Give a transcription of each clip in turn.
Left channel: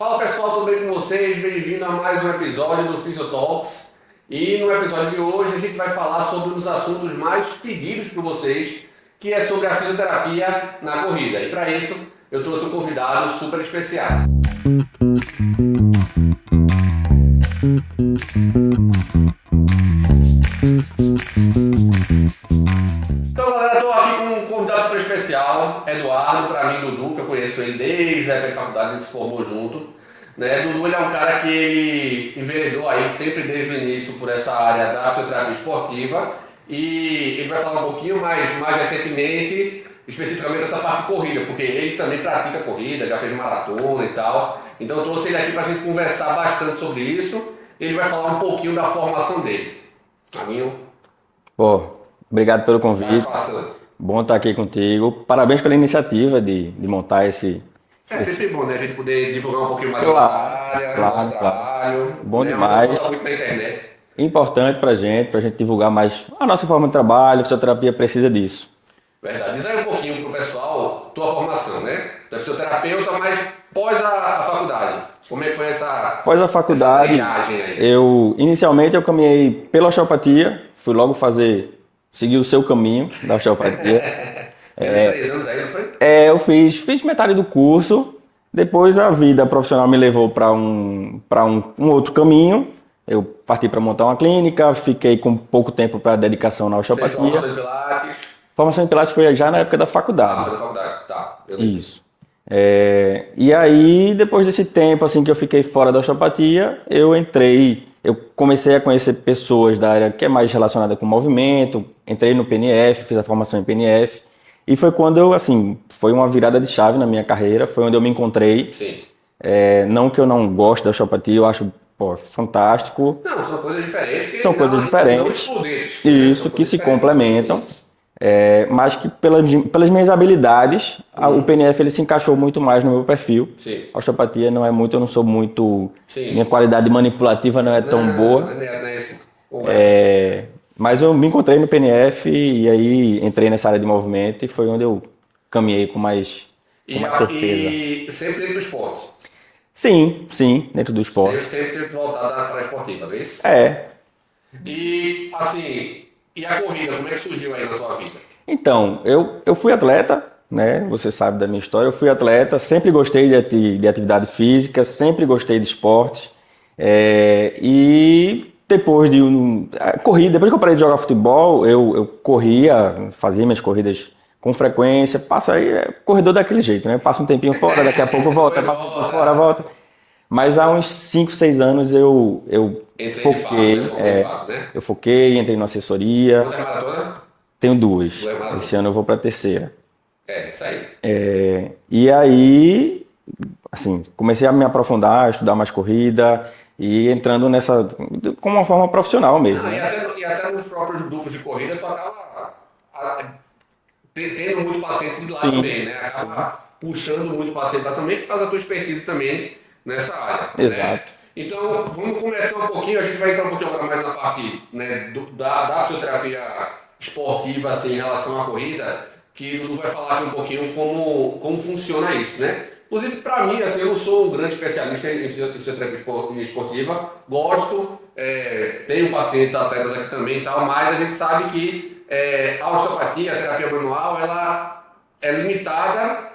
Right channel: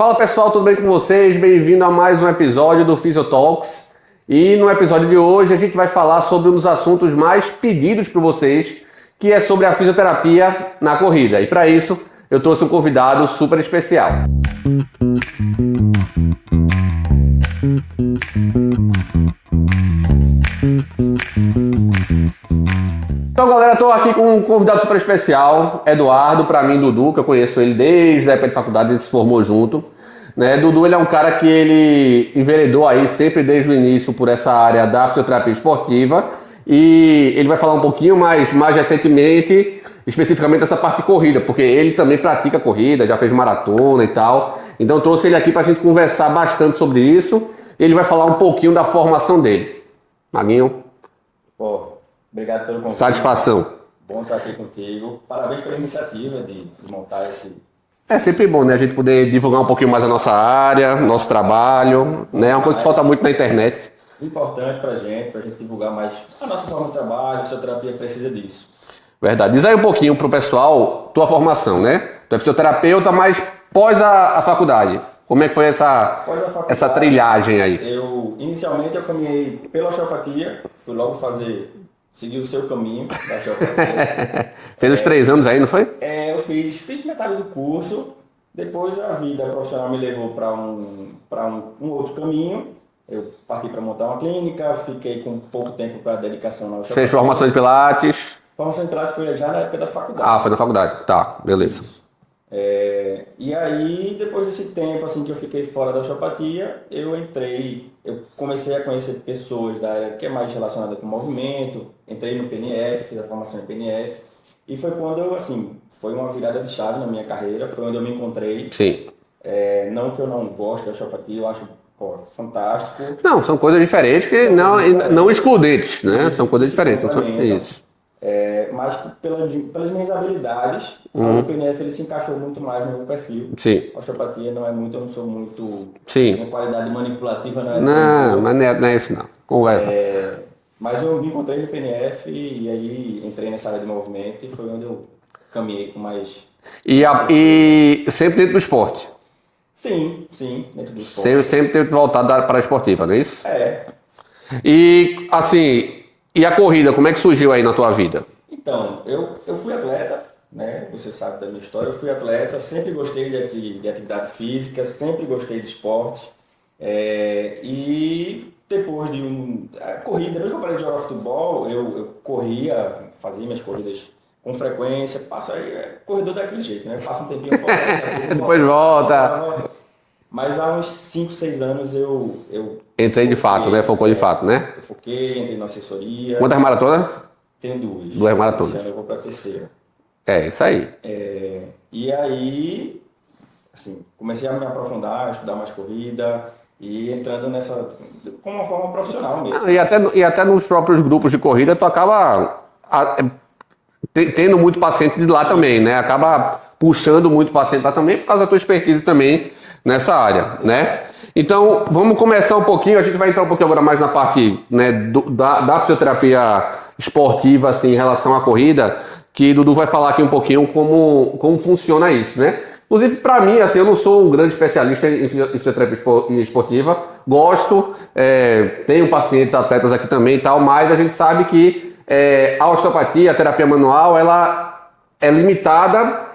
Fala pessoal, tudo bem com vocês? Bem-vindo a mais um episódio do Physiotalks. E no episódio de hoje a gente vai falar sobre um dos assuntos mais pedidos por vocês, que é sobre a fisioterapia na corrida. E para isso eu trouxe um convidado super especial. Então galera, estou aqui com um convidado super especial, Eduardo, para mim Dudu, que eu conheço ele desde a época de faculdade, ele se formou junto. Né? Dudu ele é um cara que ele enveredou aí sempre desde o início por essa área da fisioterapia esportiva e ele vai falar um pouquinho mais recentemente, especificamente dessa parte de corrida, porque ele também pratica corrida, já fez maratona e tal. Então eu trouxe ele aqui para a gente conversar bastante sobre isso. Ele vai falar um pouquinho da formação dele. Maguinho. Pô, obrigado pelo convite. Satisfação. Bom estar aqui contigo. Parabéns pela iniciativa de montar esse... É sempre bom, né? A gente poder divulgar um pouquinho mais a nossa área, nosso trabalho. Bom né? É uma coisa que demais. falta muito na internet. Importante pra gente divulgar mais a nossa forma de trabalho. A fisioterapia precisa disso. Verdade. Diz aí um pouquinho pro pessoal tua formação, né? Tu é fisioterapeuta, mas pós a faculdade. Como é que foi essa trilhagem aí? Inicialmente eu caminhei pela osteopatia, fui logo seguir o seu caminho da osteopatia. Fez os 3 anos aí, não foi? Eu fiz metade do curso, depois a vida profissional me levou para um outro caminho. Eu parti para montar uma clínica, fiquei com pouco tempo para dedicação na osteopatia. Fez formação de Pilates? Formação em Pilates foi já na época da faculdade. Ah, foi na faculdade. Tá, beleza. Isso. E aí, depois desse tempo assim que eu fiquei fora da osteopatia, eu comecei a conhecer pessoas da área que é mais relacionada com movimento, entrei no PNF, fiz a formação em PNF, e foi quando foi uma virada de chave na minha carreira, foi onde eu me encontrei. Sim. Não que eu não goste da osteopatia, eu acho fantástico. Não, são coisas diferentes que não excludentes, né? Isso, São coisas que se diferentes. complementam. Isso. Mas que pelas minhas habilidades, o PNF ele se encaixou muito mais no meu perfil. Sim. A osteopatia não é muito, eu não sou muito... Sim. Minha qualidade manipulativa não é tão boa. Mas não é isso não. Conversa. Mas eu me encontrei no PNF e aí entrei nessa área de movimento e foi onde eu caminhei com mais certeza. E sempre dentro do esporte? Sim, dentro do esporte. Sempre voltado para a esportiva, não é isso? E E a corrida, como é que surgiu aí na tua vida? Então, eu fui atleta, né? Você sabe da minha história. Eu fui atleta, sempre gostei de atividade física, sempre gostei de esporte. E depois depois que eu parei de jogar futebol, eu corria, fazia minhas corridas com frequência. Passa aí, corredor daquele jeito, né? Passa um tempinho fora, daqui a pouco eu volto. Depois volta. Mas há uns 5, 6 anos eu entrei foquei, de fato, né? Focou de fato, né? Eu foquei, entrei na assessoria. Quantas maratonas? Tenho 2. 2 maratonas. Esse ano eu vou para a terceira. Isso aí. E aí, comecei a me aprofundar, estudar mais corrida e entrando nessa com uma forma profissional mesmo. E até nos próprios grupos de corrida tu acaba tendo muito paciente de lá. Sim. Também, né? Acaba puxando muito paciente lá também por causa da tua expertise também nessa área, exato. Né? Então, vamos começar um pouquinho, a gente vai entrar um pouquinho agora mais na parte, né, da fisioterapia esportiva, em relação à corrida, que Dudu vai falar aqui um pouquinho como funciona isso, né? Inclusive, para mim, eu não sou um grande especialista em fisioterapia esportiva, gosto, tenho pacientes atletas aqui também e tal, mas a gente sabe que a osteopatia, a terapia manual, ela é limitada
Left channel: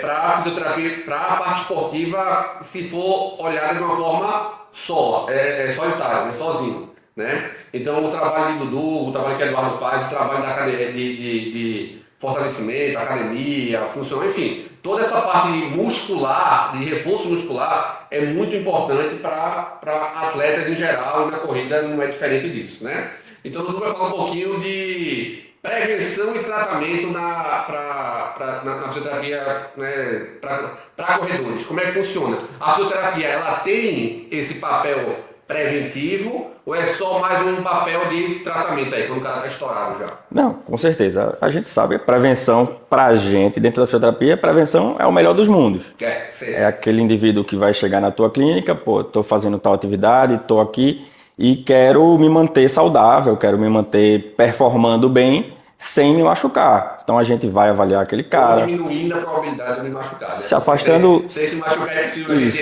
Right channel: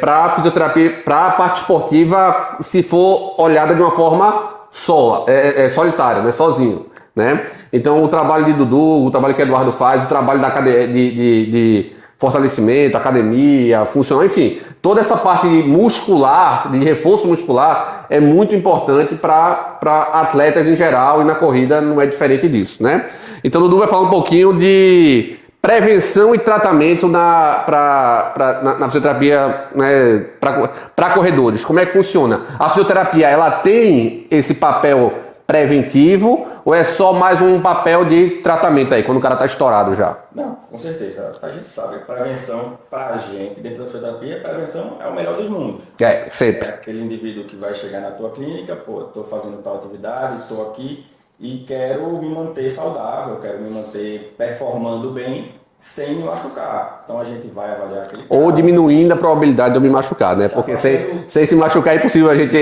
para a fisioterapia, para a parte esportiva, se for olhada de uma forma solitária, né? Sozinho, né? Então o trabalho de Dudu, o trabalho que Eduardo faz, o trabalho de fortalecimento, academia, funcional, enfim, toda essa parte muscular, de reforço muscular, é muito importante para atletas em geral, e na corrida não é diferente disso, né? Então o Dudu vai falar um pouquinho de prevenção e tratamento na fisioterapia, né, para corredores. Como é que funciona? A fisioterapia, ela tem esse papel preventivo ou é só mais um papel de tratamento aí, quando o cara está estourado já? Não, com certeza. A gente sabe, a prevenção pra gente, dentro da fisioterapia, a prevenção é o melhor dos mundos. Sempre. É aquele indivíduo que vai chegar na tua clínica, tô fazendo tal atividade, tô aqui e quero me manter saudável, quero me manter performando bem. sem me machucar. Então a gente vai avaliar aquele cara. Ou diminuindo a probabilidade de eu me machucar, né? Se Porque afastando- sem se machucar é impossível a gente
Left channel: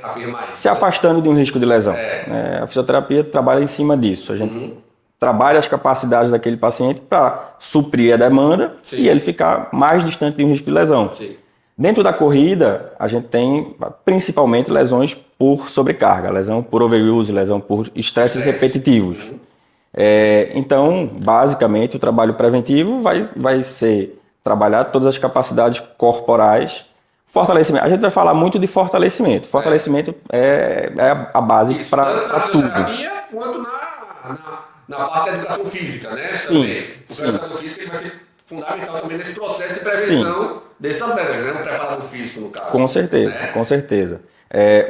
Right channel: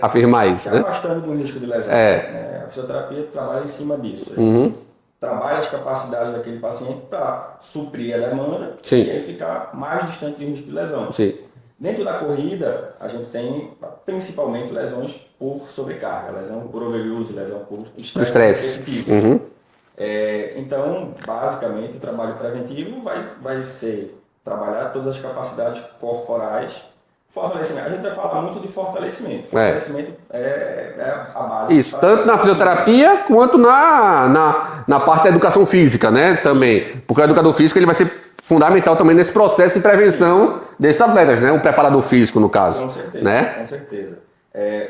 afirmar isso. Se né? afastando de um risco de lesão. É. A fisioterapia trabalha em cima disso. A gente trabalha as capacidades daquele paciente para suprir a demanda Sim. e ele ficar mais distante de um risco de lesão. Sim. Dentro da corrida, a gente tem principalmente lesões por sobrecarga, lesão por overuse, lesão por estresse repetitivo. Então, basicamente, o trabalho preventivo vai ser trabalhar todas as capacidades corporais. Fortalecimento. A gente vai falar muito de fortalecimento. Fortalecimento é a base. Isso, tanto na fisioterapia quanto na parte da educação física, né? Também. Porque o educador físico ele vai ser fundamental também nesse processo de prevenção desses atletas, né? O preparador físico, no caso. Com certeza, né? com certeza.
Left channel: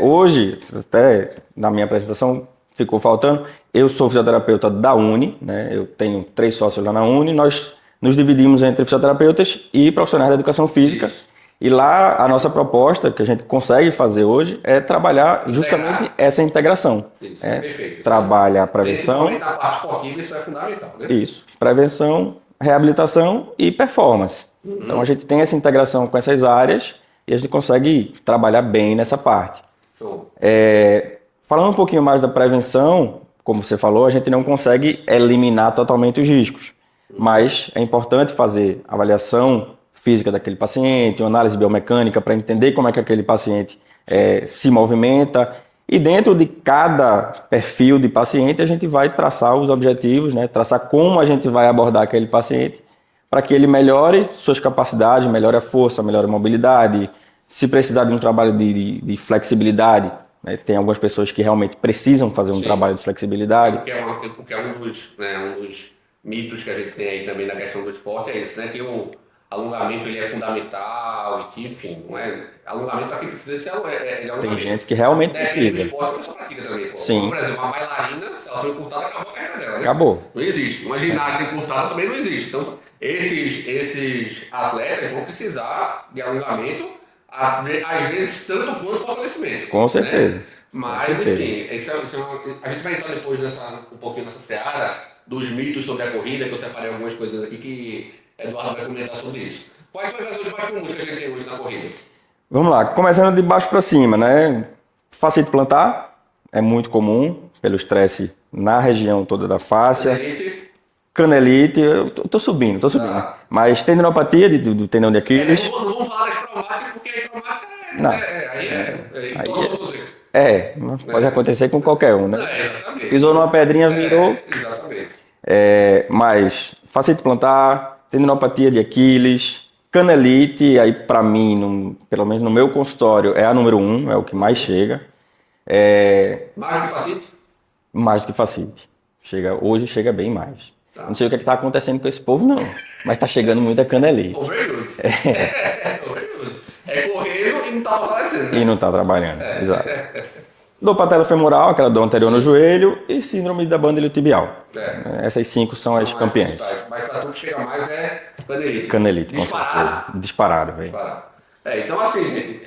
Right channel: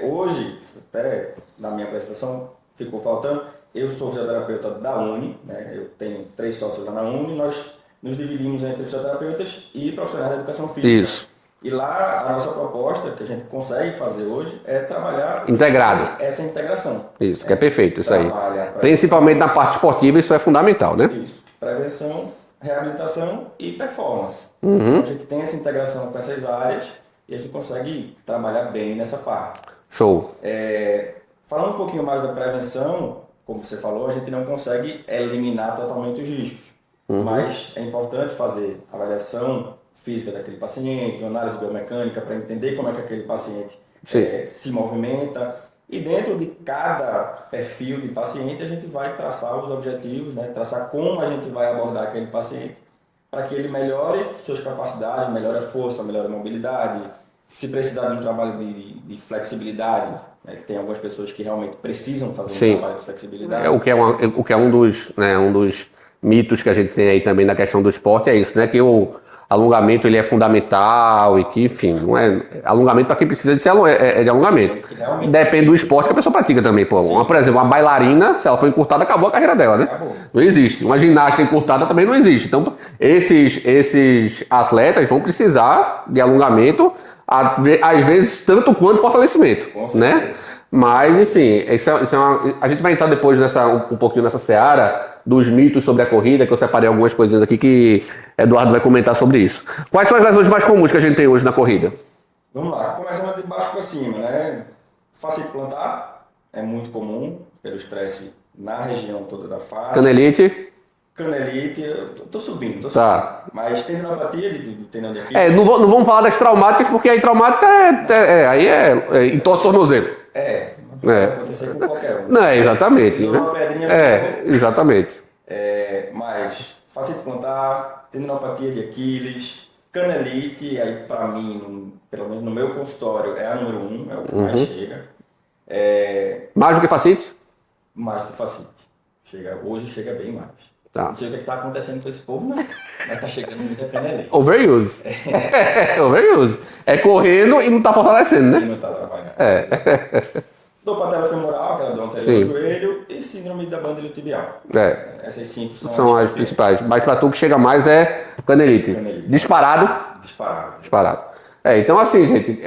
Hoje, até na minha apresentação ficou faltando, eu sou fisioterapeuta da Uni, né? Eu tenho 3 sócios lá na Uni, nós nos dividimos entre fisioterapeutas e profissionais da educação física. Isso. E lá a nossa proposta, que a gente consegue fazer hoje, é trabalhar justamente essa integração. Isso, que é perfeito. Isso trabalha a prevenção. Principalmente na parte esportiva, isso é fundamental, né? Isso. Prevenção, reabilitação e performance. Então a gente tem essa integração com essas áreas e a gente consegue trabalhar bem nessa parte. Show. Falando um pouquinho mais da prevenção, como você falou, a gente não consegue eliminar totalmente os riscos. Mas é importante fazer avaliação física daquele paciente, uma análise biomecânica para entender como é que aquele paciente se movimenta. E dentro de cada perfil de paciente, a gente vai traçar os objetivos, né? Traçar como a gente vai abordar aquele paciente para que ele melhore suas capacidades, melhore a força, melhore a mobilidade. Se precisar de um trabalho de flexibilidade, né? Tem algumas pessoas que realmente precisam fazer um trabalho de flexibilidade. O que é um dos mitos que a gente tem aí também na questão do esporte é isso, né? Que o alongamento ele é fundamental e que, enfim, não é alongamento para quem precisa de alongamento. Que realmente depende precisa. do esporte que a pessoa pratica também. Pô. Por exemplo, uma bailarina, se ela for encurtada, acabou a carreira dela, né? Acabou. Não existe. Uma ginasta encurtada também não existe. Então, esses atletas vão precisar de alongamento, às vezes, tanto quanto fortalecimento. Com certeza. Né? Mas, enfim, a gente vai entrar depois um pouquinho nessa seara dos mitos sobre a corrida, que eu separei algumas coisinhas aqui que Eduardo vai comentar sobre isso. Quais são as lesões mais comuns que a gente tem hoje na corrida? Vamos lá, começando de baixo para cima, né? Fascite plantar é muito comum pelo estresse na região toda da face. Canelite, eu tô subindo. Tá. Mas tendinopatia do tendão de Aquiles. Não vamos falar das traumáticas, porque aí traumática entorse tornozelo. Pode acontecer com qualquer um. Né? Exatamente. Pisou numa pedrinha, virou. Exatamente. Mas fascite plantar, tendinopatia de Aquiles, canelite, aí para mim, pelo menos no meu consultório, é a número 1, é o que mais chega. Mais do que fascite? Mais do que fascite. Hoje chega bem mais. Tá. Não sei o que está acontecendo com esse povo, não. Mas está chegando muita canelite. Overuse. Overuse. É correndo e não está fortalecendo, né? E não está trabalhando. Exato. Dor patelofemoral, aquela dor anterior ao joelho, e síndrome da banda iliotibial. Essas 5 são as principais. Mas para tu que chega mais é canelite. Disparado? Disparado, velho. Disparado. Então assim, gente,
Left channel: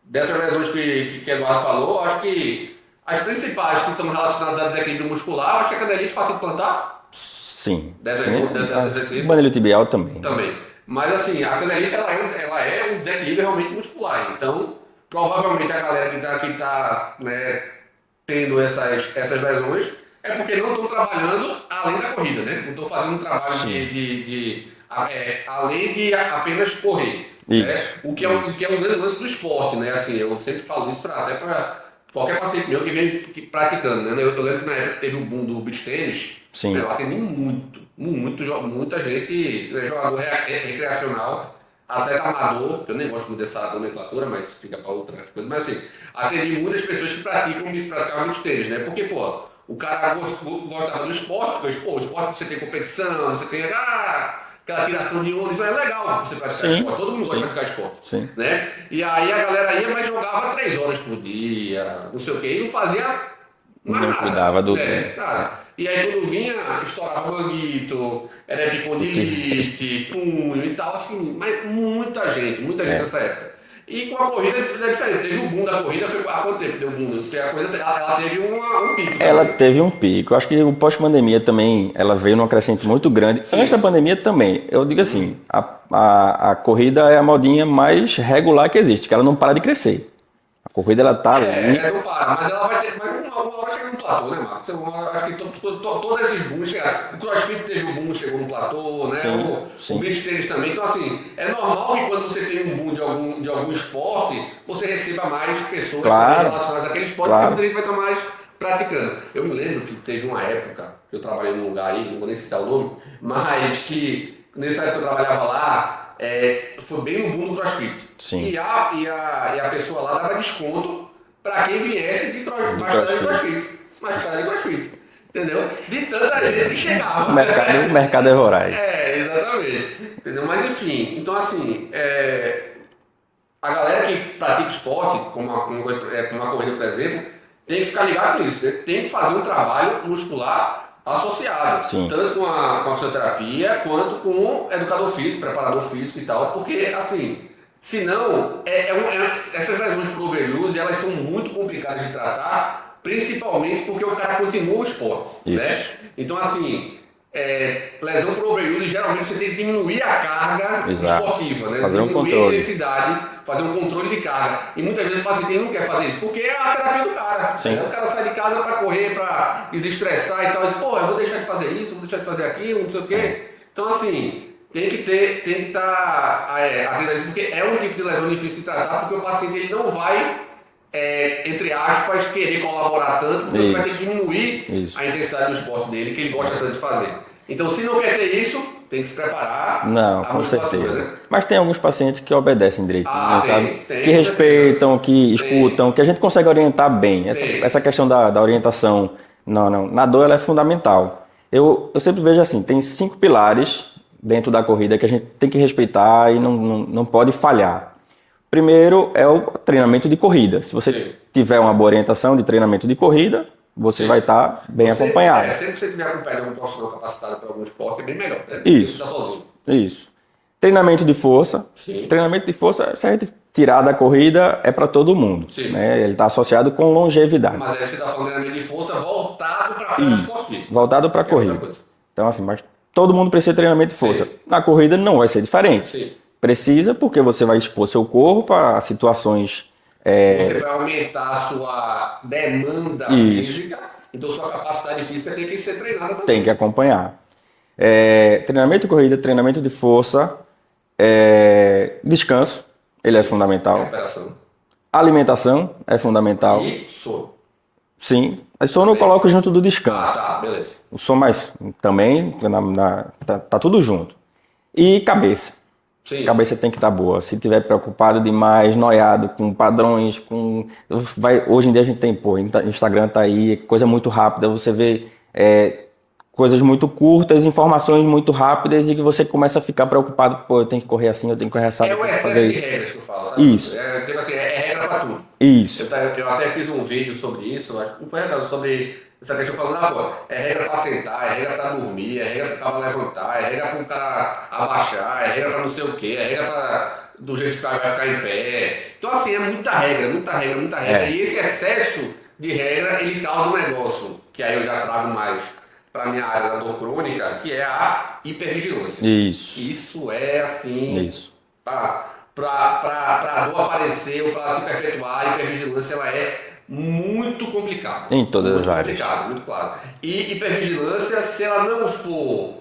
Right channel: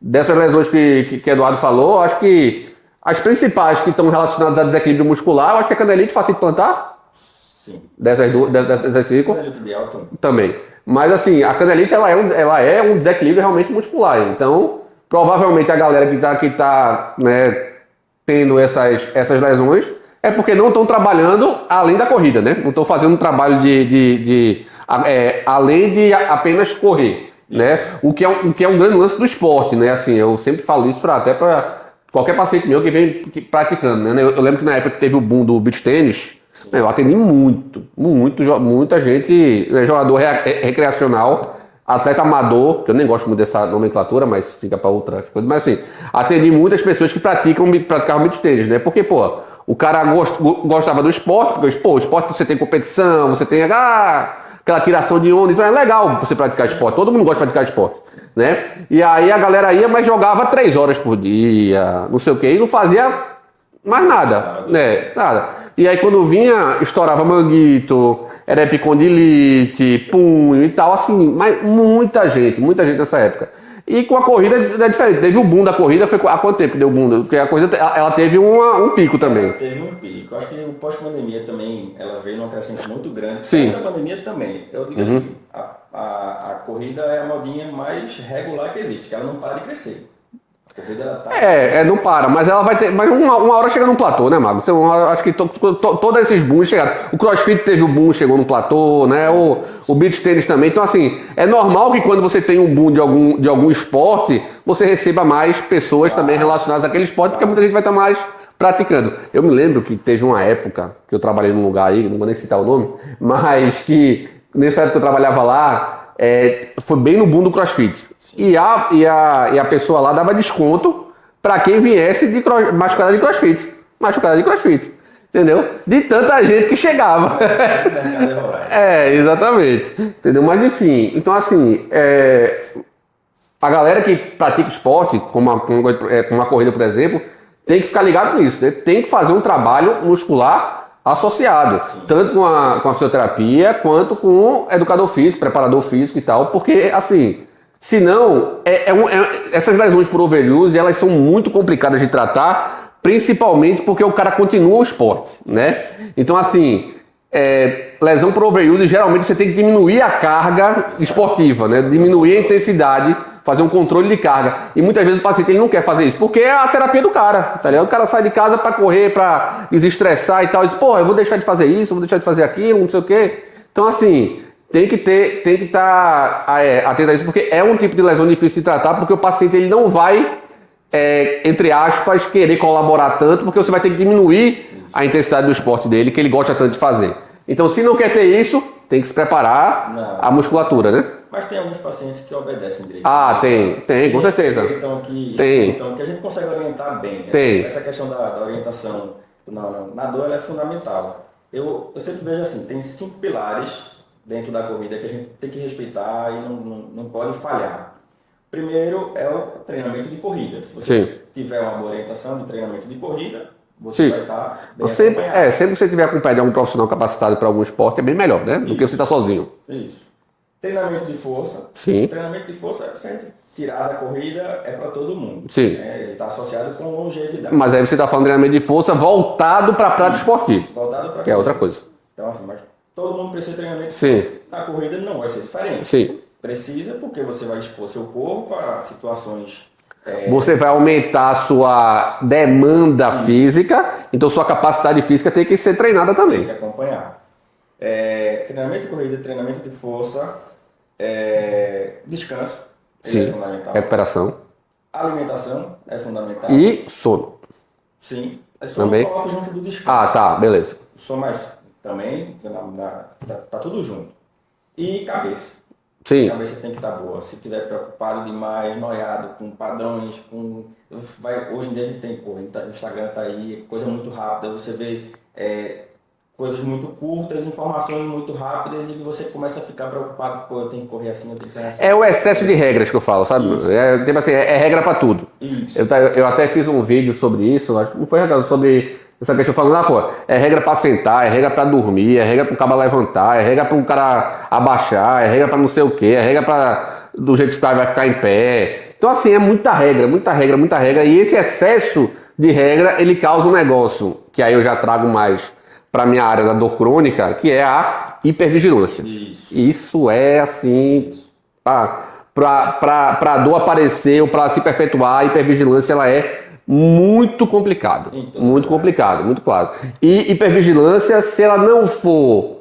dessas lesões que Eduardo falou, acho que as principais que estão relacionadas a desequilíbrio muscular, eu acho que a canelite fascite plantar. Sim. Dessas banda iliotibial também. Mas assim, a canelite ela é um desequilíbrio realmente muscular. Então, provavelmente a galera que está né, tendo essas lesões é porque não estão trabalhando além da corrida, né? Não estão fazendo um trabalho além de apenas correr, né? O que é um grande lance do esporte, né? Assim, eu sempre falo isso até para qualquer paciente meu que vem praticando, né? Eu lembro que na época que teve o boom do beach tênis, eu atendi muita gente, né, jogador recreacional, atleta amador, que eu nem gosto muito dessa nomenclatura, mas fica para outras coisas. Mas assim, atendi muitas pessoas que praticavam beach tênis, né? Porque, o cara gostava do esporte, porque, o esporte você tem competição, você tem aquela tiração de onda, então é legal você praticar esporte. Todo mundo gosta de praticar esporte, né? E aí a galera ia, mas jogava 3 horas por dia, não sei o quê, e não fazia mais nada. Nada. E aí quando vinha, estourava manguito, era epicondilite, punho e tal, assim, mas muita gente nessa época. E com a corrida é diferente. Teve o boom da corrida, foi há quanto tempo que deu o boom? Porque a corrida ela teve um pico também. Ela teve um pico. Eu acho que o pós-pandemia também, ela veio num crescente muito grande. Sim. Antes da pandemia também. Eu digo assim, a corrida é a modinha mais regular que existe, que ela não para de crescer. A corrida, ela tá... Não para, mas ela vai ter. Mas uma hora chega num platô, né, Mago? Acho que todos esses booms chegaram. O CrossFit teve o boom, chegou num platô, né? O beach tennis também. Então, assim, é normal que quando você tem um boom de algum esporte, você receba mais pessoas também relacionadas àquele esporte, porque muita gente vai estar mais praticando. Eu me lembro que teve uma época que eu trabalhei num lugar aí, não vou nem citar o nome, mas que nessa época que eu trabalhava lá. Foi bem no boom do CrossFit. Sim. E a pessoa lá dava desconto para quem viesse machucada de CrossFit. Machucada de CrossFit. Entendeu? De tanta gente que chegava. O mercado é voraz. Exatamente. Entendeu? Mas enfim, então assim, a galera que pratica esporte, como uma corrida, por exemplo, tem que ficar ligado nisso, né? Tem que fazer um trabalho muscular associado, tanto com a fisioterapia quanto com o educador físico, preparador físico e tal, porque assim, senão essas lesões por overuse, elas são muito complicadas de tratar, principalmente porque o cara continua o esporte, né? Então assim, lesão por overuse, geralmente você tem que diminuir a carga esportiva, né? Diminuir a intensidade, fazer um controle de carga. E muitas vezes o paciente ele não quer fazer isso, porque é a terapia do cara. Tá? O cara sai de casa para correr, para desestressar e tal. E diz, pô, eu vou deixar de fazer isso, eu vou deixar de fazer aquilo, não sei o quê. Então, assim, tem que estar atento a isso, porque é um tipo de lesão difícil de tratar, porque o paciente ele não vai, entre aspas, querer colaborar tanto, porque você vai ter que diminuir a intensidade do esporte dele, que ele gosta tanto de fazer. Então, se não quer ter isso, tem que se preparar a musculatura, né? Mas tem alguns pacientes que obedecem direito. Tem, que respeitam, que escutam, que a gente consegue orientar bem. Essa questão da orientação na dor, ela é fundamental. Eu sempre vejo assim, tem 5 pilares dentro da corrida que a gente tem que respeitar e não pode falhar. Primeiro é o treinamento de corrida. Se você tiver uma boa orientação de treinamento de corrida, você vai estar bem acompanhado. Sempre que você tiver acompanhado de algum profissional capacitado para algum esporte, é bem melhor, né? Do que você estar sozinho. Isso. Treinamento de força. Sim. Treinamento de força, se a gente tirar da corrida, é para todo mundo. Sim. Né? Ele está associado com longevidade. Mas aí você está falando de treinamento de força voltado para a prática esportiva. Voltado para a corrida. É outra coisa. Então, assim, mas todo mundo precisa de treinamento de força. Na corrida não vai ser diferente. Sim. Precisa, porque você vai expor seu corpo a situações... Você vai aumentar a sua demanda física, então sua capacidade física tem que ser treinada também. Tem que acompanhar. Treinamento de corrida, treinamento de força, descanso, ele é fundamental. Recuperação. Alimentação é fundamental. E sono. Sim. O sono eu coloco junto do descanso. Tá, beleza. O sono mais também, tá tudo junto. E cabeça. Sim. A cabeça tem que estar boa. Se tiver preocupado demais, noiado, com padrões, hoje em dia a gente tem, Instagram tá aí, coisa muito rápida, você vê coisas muito curtas, informações muito rápidas e que você começa a ficar preocupado, eu tenho que correr assim, eu tenho que correr assim. É o excesso de regras que eu falo, sabe? Isso. Tipo assim, é regra para tudo. Isso. Eu até fiz um vídeo sobre isso, acho que não foi sobre essa questão falando, é regra para sentar, é regra para dormir, é regra para o cara levantar, é regra para o cara abaixar, é regra para não sei o quê, é regra para do jeito que o cara vai ficar em pé. Então assim, é muita regra. E esse excesso de regra, ele causa um negócio, que aí eu já trago mais para minha área da dor crônica, que é a hipervigilância. Isso é assim, para a dor aparecer ou para se perpetuar, a hipervigilância ela é muito complicado. Muito complicado, muito claro. E hipervigilância, se ela não for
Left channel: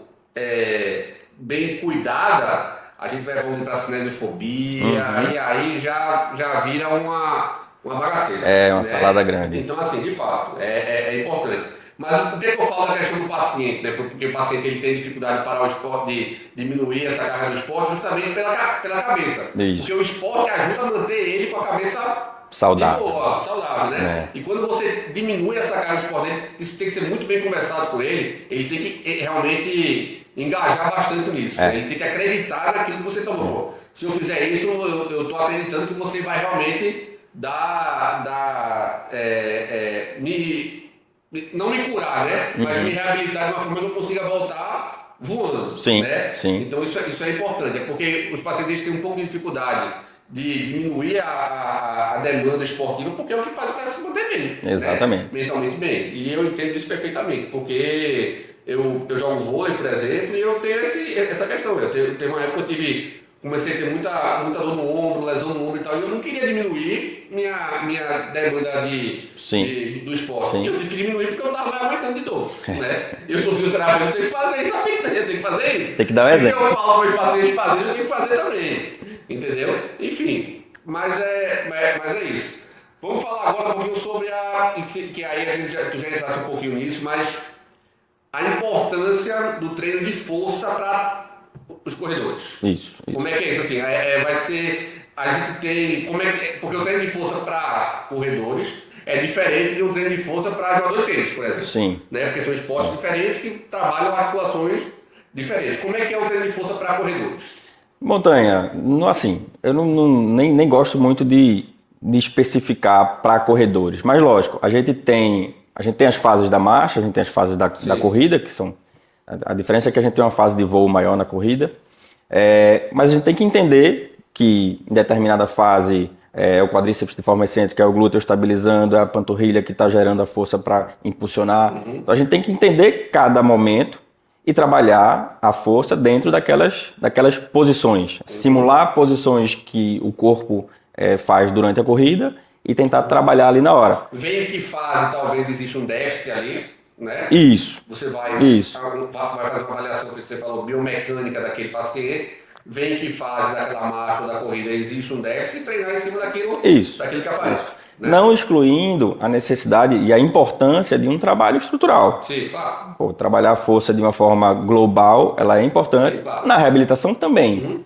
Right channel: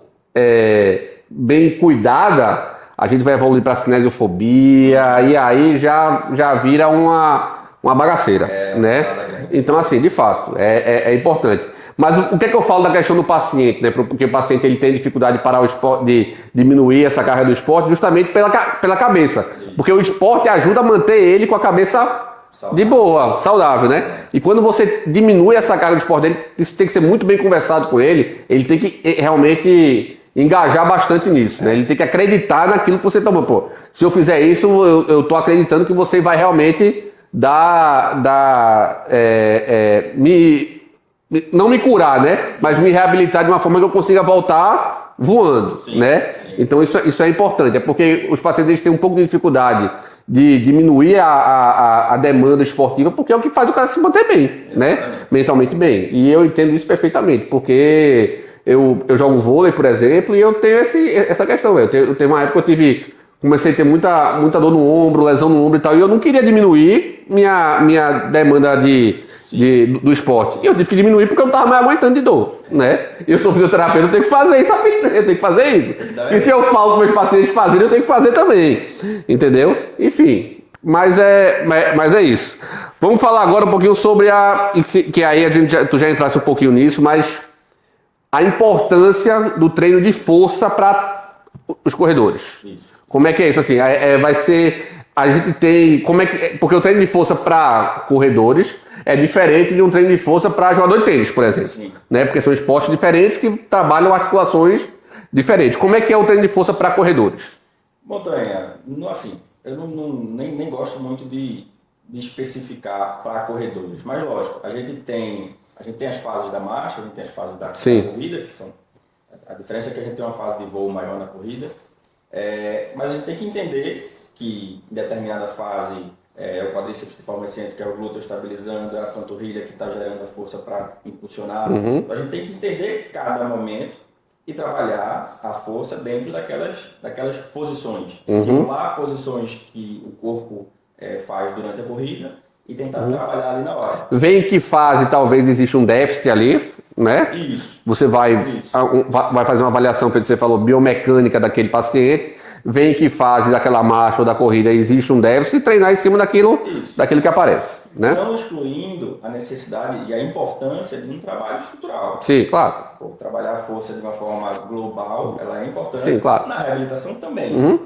bem cuidada, a gente vai evoluir para cinesiofobia e aí já vira uma bagaceira. Uma né? salada grande. Então, assim, de fato, é importante. Mas o que é que eu falo da questão do paciente, né? Porque o paciente ele tem dificuldade de parar o esporte, de diminuir essa carga do esporte, justamente pela cabeça. Isso. Porque o esporte ajuda a manter ele com a cabeça saudável. De boa, saudável, né? E quando você diminui essa carga do esporte dele, isso tem que ser muito bem conversado com ele. Ele tem que realmente engajar bastante nisso, né? Ele tem que acreditar naquilo que você tomou. Pô, se eu fizer isso, eu tô acreditando que você vai realmente não me curar, né? Mas me reabilitar de uma forma que eu consiga voltar voando, né? Sim. Então isso é importante, é porque os pacientes têm um pouco de dificuldade de diminuir a demanda esportiva, porque é o que faz o cara se manter bem, Exatamente. né? Mentalmente bem. E eu entendo isso perfeitamente, porque eu jogo vôlei, por exemplo, e eu tenho essa questão. Eu tenho uma época que comecei a ter muita dor no ombro, lesão no ombro e tal, e eu não queria diminuir minha demanda do esporte. Sim. E eu tive que diminuir porque eu não estava mais aguentando de dor, né? E eu sou fisioterapeuta, eu tenho que fazer isso, sabe? Eu tenho que fazer isso. Tem que dar e se eu falo para meus pacientes fazerem, eu tenho que fazer também, entendeu? Enfim, mas é isso. Vamos falar agora um pouquinho sobre que aí tu já entrasse um pouquinho nisso, mas a importância do treino de força para os corredores. Isso. Como é que é isso assim? Vai ser... A gente tem... porque o treino de força para corredores é diferente de um treino de força para jogador de tênis, por exemplo. Sim. Né? Porque são esportes diferentes que trabalham articulações diferentes. Como é que é o treino de força para corredores? Montanha, assim, eu nem gosto muito de especificar para corredores, mas lógico, a gente tem as fases da marcha, a gente tem as fases da corrida, que são... A diferença é que a gente tem uma fase de voo maior na corrida, mas a gente tem que entender que em determinada fase é o quadríceps de forma excêntrica, é o glúteo estabilizando, é a panturrilha que está gerando a força para impulsionar. Então a gente tem que entender cada momento e trabalhar a força dentro daquelas posições. Simular posições que o corpo faz durante a corrida e tentar trabalhar ali na hora. Vê em que fase talvez existe um déficit ali, né? Isso. Você vai fazer uma avaliação, que você falou, biomecânica daquele paciente, vê em que fase daquela marcha ou da corrida existe um déficit e treinar em cima daquilo que aparece. Né? Não excluindo a necessidade e a importância de um trabalho estrutural. Sim, claro. Trabalhar a força de uma forma global, ela é importante. Sim, claro. Na reabilitação também.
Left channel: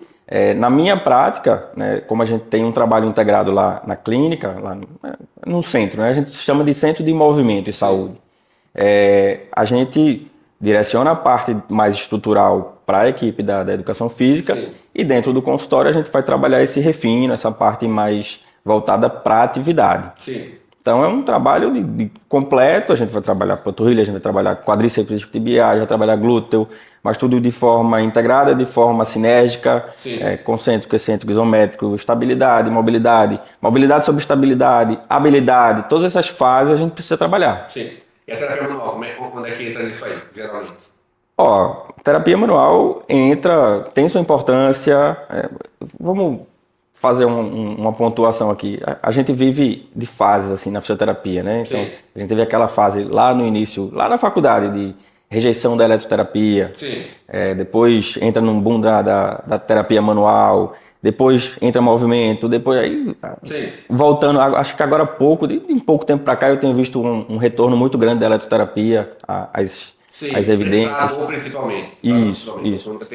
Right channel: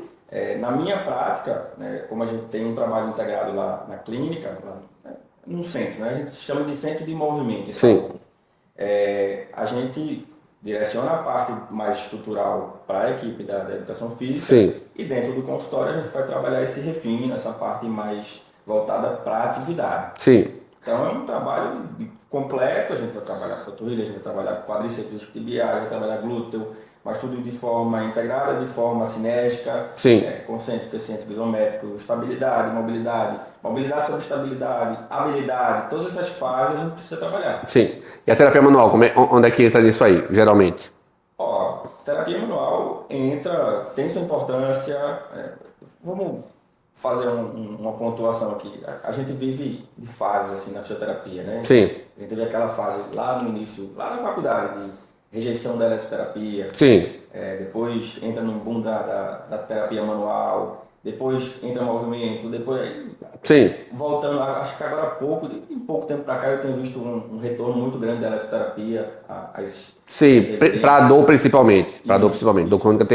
Na minha prática, né, como a gente tem um trabalho integrado lá na clínica, lá no centro, né, a gente chama de centro de movimento e saúde. A gente direciona a parte mais estrutural para a equipe da educação física. Sim. E dentro do consultório a gente vai trabalhar esse refino, essa parte mais voltada para a atividade. Sim. Então é um trabalho de completo, a gente vai trabalhar panturrilha, a gente vai trabalhar quadríceps tibiais, vai trabalhar glúteo, mas tudo de forma integrada, de forma sinérgica, concêntrico, excêntrico, isométrico, estabilidade, mobilidade sobre estabilidade, habilidade, todas essas fases a gente precisa trabalhar. Sim. E a terapia manual, onde é que entra nisso aí, geralmente? Terapia manual tem sua importância. Vamos fazer uma pontuação aqui. A gente vive de fases assim na fisioterapia, né? Sim. Então, a gente teve aquela fase lá no início, lá na faculdade, de rejeição da eletroterapia. Sim. Depois entra num boom da terapia manual. Depois entra movimento, depois aí... Sim. Voltando, acho que agora há pouco, de pouco tempo para cá, eu tenho visto um retorno muito grande da eletroterapia, as evidências. Para dor principalmente. Para dor principalmente. Isso. Dor crônica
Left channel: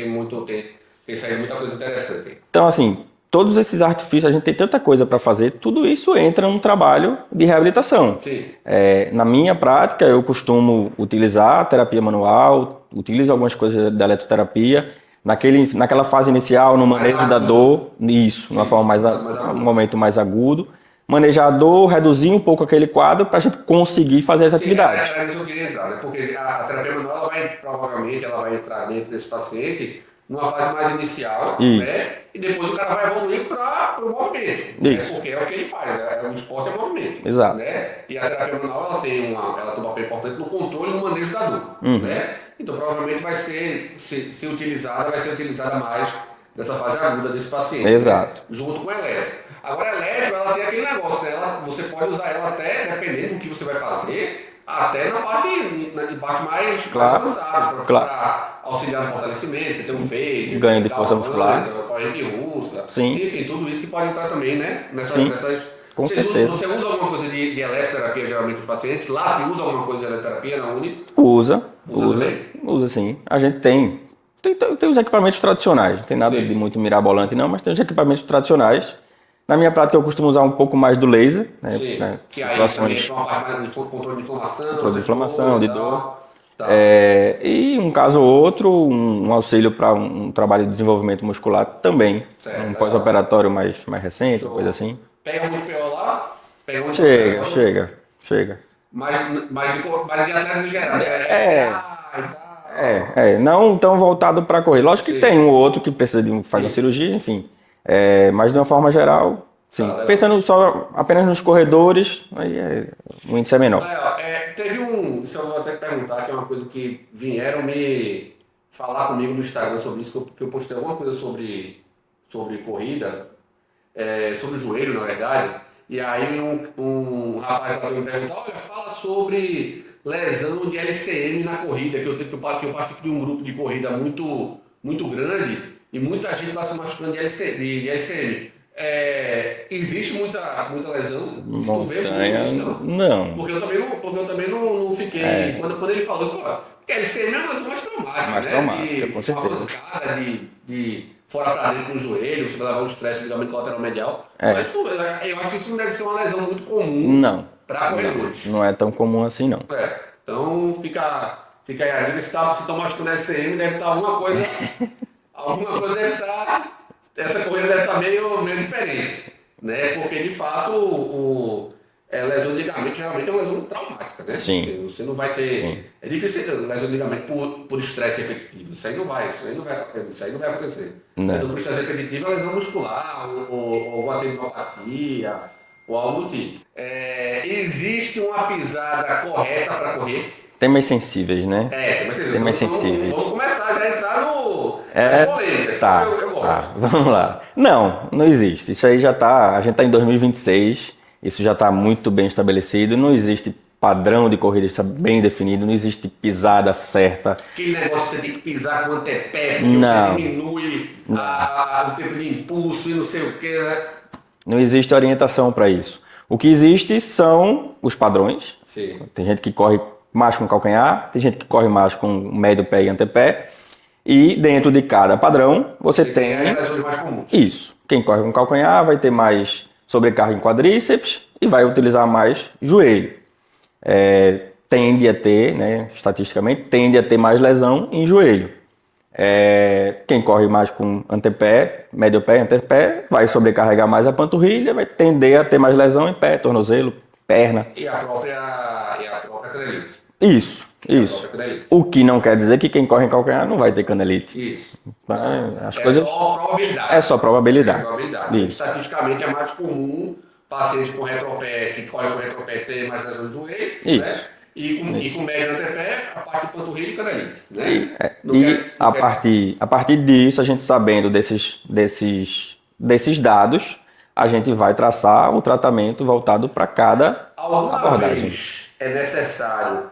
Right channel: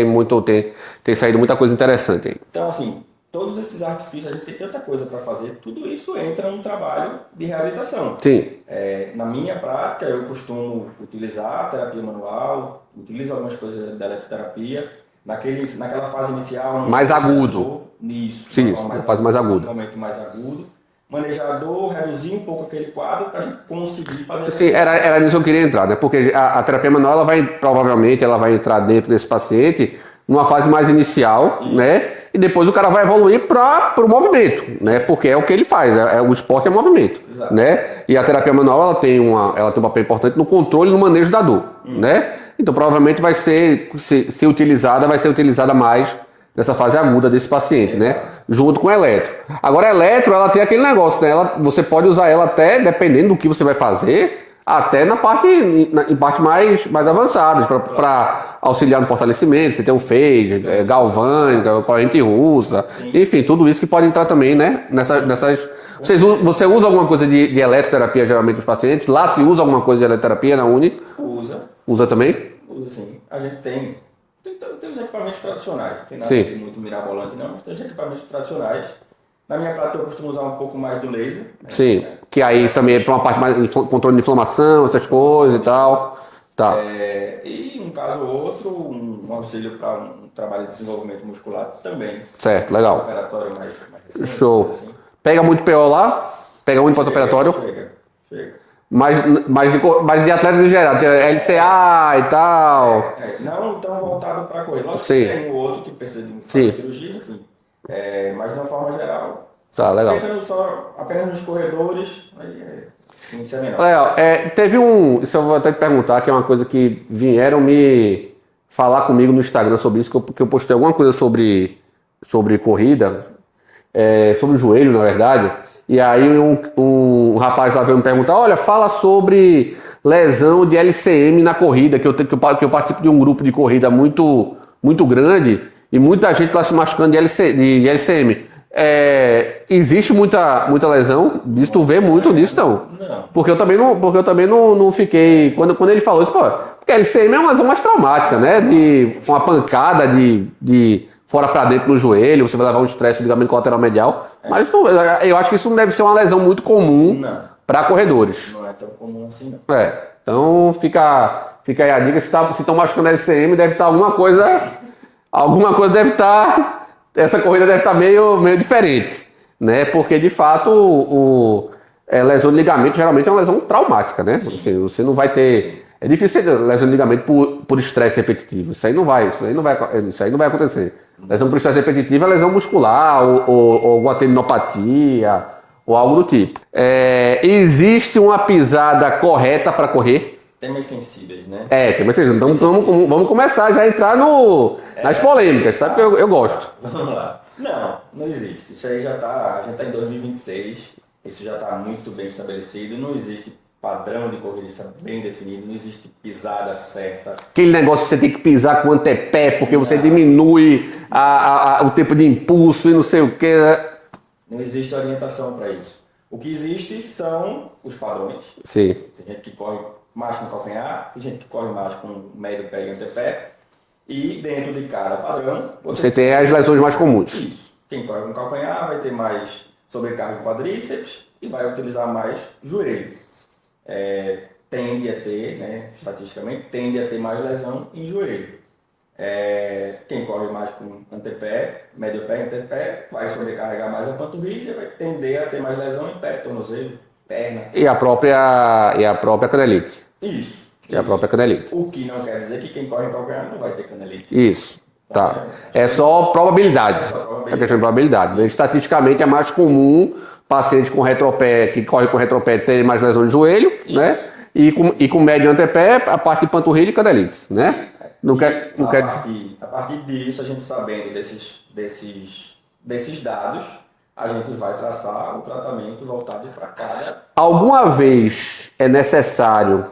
tem saído muita coisa interessante aí. Então, assim, todos esses artifícios, a gente tem tanta coisa para fazer, tudo isso entra num trabalho de reabilitação. Sim. Na minha prática, eu costumo utilizar a terapia manual, utilizo algumas coisas da eletroterapia, naquela fase inicial, no mais manejo agudo. Da dor, isso, de uma forma mais aguda. Um momento mais agudo. Manejar a dor, reduzir um pouco aquele quadro para a gente conseguir fazer essa atividade. Era nisso que eu queria entrar, né? Porque a terapia manual, provavelmente, ela vai entrar dentro desse paciente numa fase mais inicial, né? E depois o cara vai evoluir para o movimento, né? Porque é o que ele faz, o esporte é movimento. Exato. Né? E a terapia manual, ela tem um papel importante no controle e no manejo da dor, né? Então, provavelmente vai ser utilizada mais nessa fase aguda desse paciente, Exato. né? Junto com o eletro. Agora, a eletro, ela tem aquele negócio, né? Você pode usar ela até, dependendo do que você vai fazer, até em parte mais avançadas, para auxiliar no fortalecimento. Você tem um phage, galvânica, corrente russa, enfim, tudo isso que pode entrar também, né? Nessas você usa alguma coisa de eletroterapia geralmente nos pacientes? Lá se usa alguma coisa de eletroterapia na Uni? Usa também? Usa sim. A gente tem os equipamentos tradicionais. Não tem nada de muito mirabolante não, mas tem os equipamentos tradicionais. Na minha prática eu costumo usar um pouco mais do laser. Né? Sim, que aí também é para uma parte mais de controle de inflamação, essas coisas e tal. Tá. E um caso ou outro, um auxílio para um trabalho de desenvolvimento muscular também. Certo, legal. Pós-operatório mais recente, Show. Coisa assim. Pega muito PO lá? Pega muito pós-operatório? Chega. Mas de atletas em geral, de LCA e tal. Não tão voltado para correr. Lógico que tem um ou outro que precisa de fazer cirurgia, enfim. Mas de uma forma geral, Tá, legal. pensando só apenas nos corredores, aí o índice é menor. Teve isso eu vou até te perguntar, que é uma coisa que vieram me falar comigo no Instagram sobre isso, que eu postei alguma coisa sobre corrida, sobre o joelho, na verdade, e aí um rapaz lá veio me perguntar, olha, fala sobre lesão de LCM na corrida, que eu participo de um grupo de corrida muito, muito grande, e muita gente está se machucando de LCM. Existe muita lesão disso, tu vê muito nisso, não? Não. Porque eu também não fiquei. Quando ele falou isso, porque a LCM é uma lesão mais traumática, né? De uma pancada de fora pra dentro no joelho, você vai levar um estresse do ligamento colateral medial. Mas eu acho que isso não deve ser uma lesão muito comum para corredores. Não é tão comum assim, não. Então fica aí a dica, se estão machucando a LCM, deve estar alguma coisa. Alguma coisa deve estar. Essa corrida deve estar meio diferente, né? Porque de fato lesão de ligamento geralmente é uma lesão traumática, né? Sim. Você não vai ter. Sim. É difícil ter lesão de ligamento por estresse repetitivo. Isso aí não vai acontecer. Não. Lesão por estresse repetitivo é lesão muscular ou alguma tendinopatia ou algo do tipo. Existe uma pisada correta para correr? Temas sensíveis, né? Temas sensíveis. Então vamos começar já a entrar nas polêmicas, sabe? Eu gosto. Vamos lá. Não existe. Isso aí já tá. A gente tá em 2026, isso já tá muito bem estabelecido. Não existe padrão de corrida está bem definido, não existe pisada certa. Aquele negócio que você tem que pisar com o antepé, porque você diminui o tempo de impulso e não sei o que. Não existe orientação para isso. O que existe são os padrões. Sim. Tem gente que corre mais com calcanhar, tem gente que corre mais com médio pé e antepé. E dentro de cada padrão, você tem as lesões mais comuns. Isso. Quem corre com calcanhar vai ter mais sobrecarga em quadríceps e vai utilizar mais joelho. Tende a ter, né, estatisticamente, tende a ter mais lesão em joelho. Quem corre mais com antepé, médio pé e antepé, vai sobrecarregar mais a panturrilha, vai tender a ter mais lesão em pé, tornozelo, perna. E a própria canelite. Isso. A própria canelite. O que não quer dizer que quem corre em calcanhar não vai ter canelite. Isso. Tá. Só probabilidade. É só probabilidade. Probabilidade. Estatisticamente é mais comum paciente com retropé, que corre com retropé, ter mais lesão de joelho, né? E com médio antepé, a parte de panturrilha e canelite, né? A partir disso, a gente sabendo desses dados, a gente vai traçar um tratamento voltado para cada... Alguma vez é necessário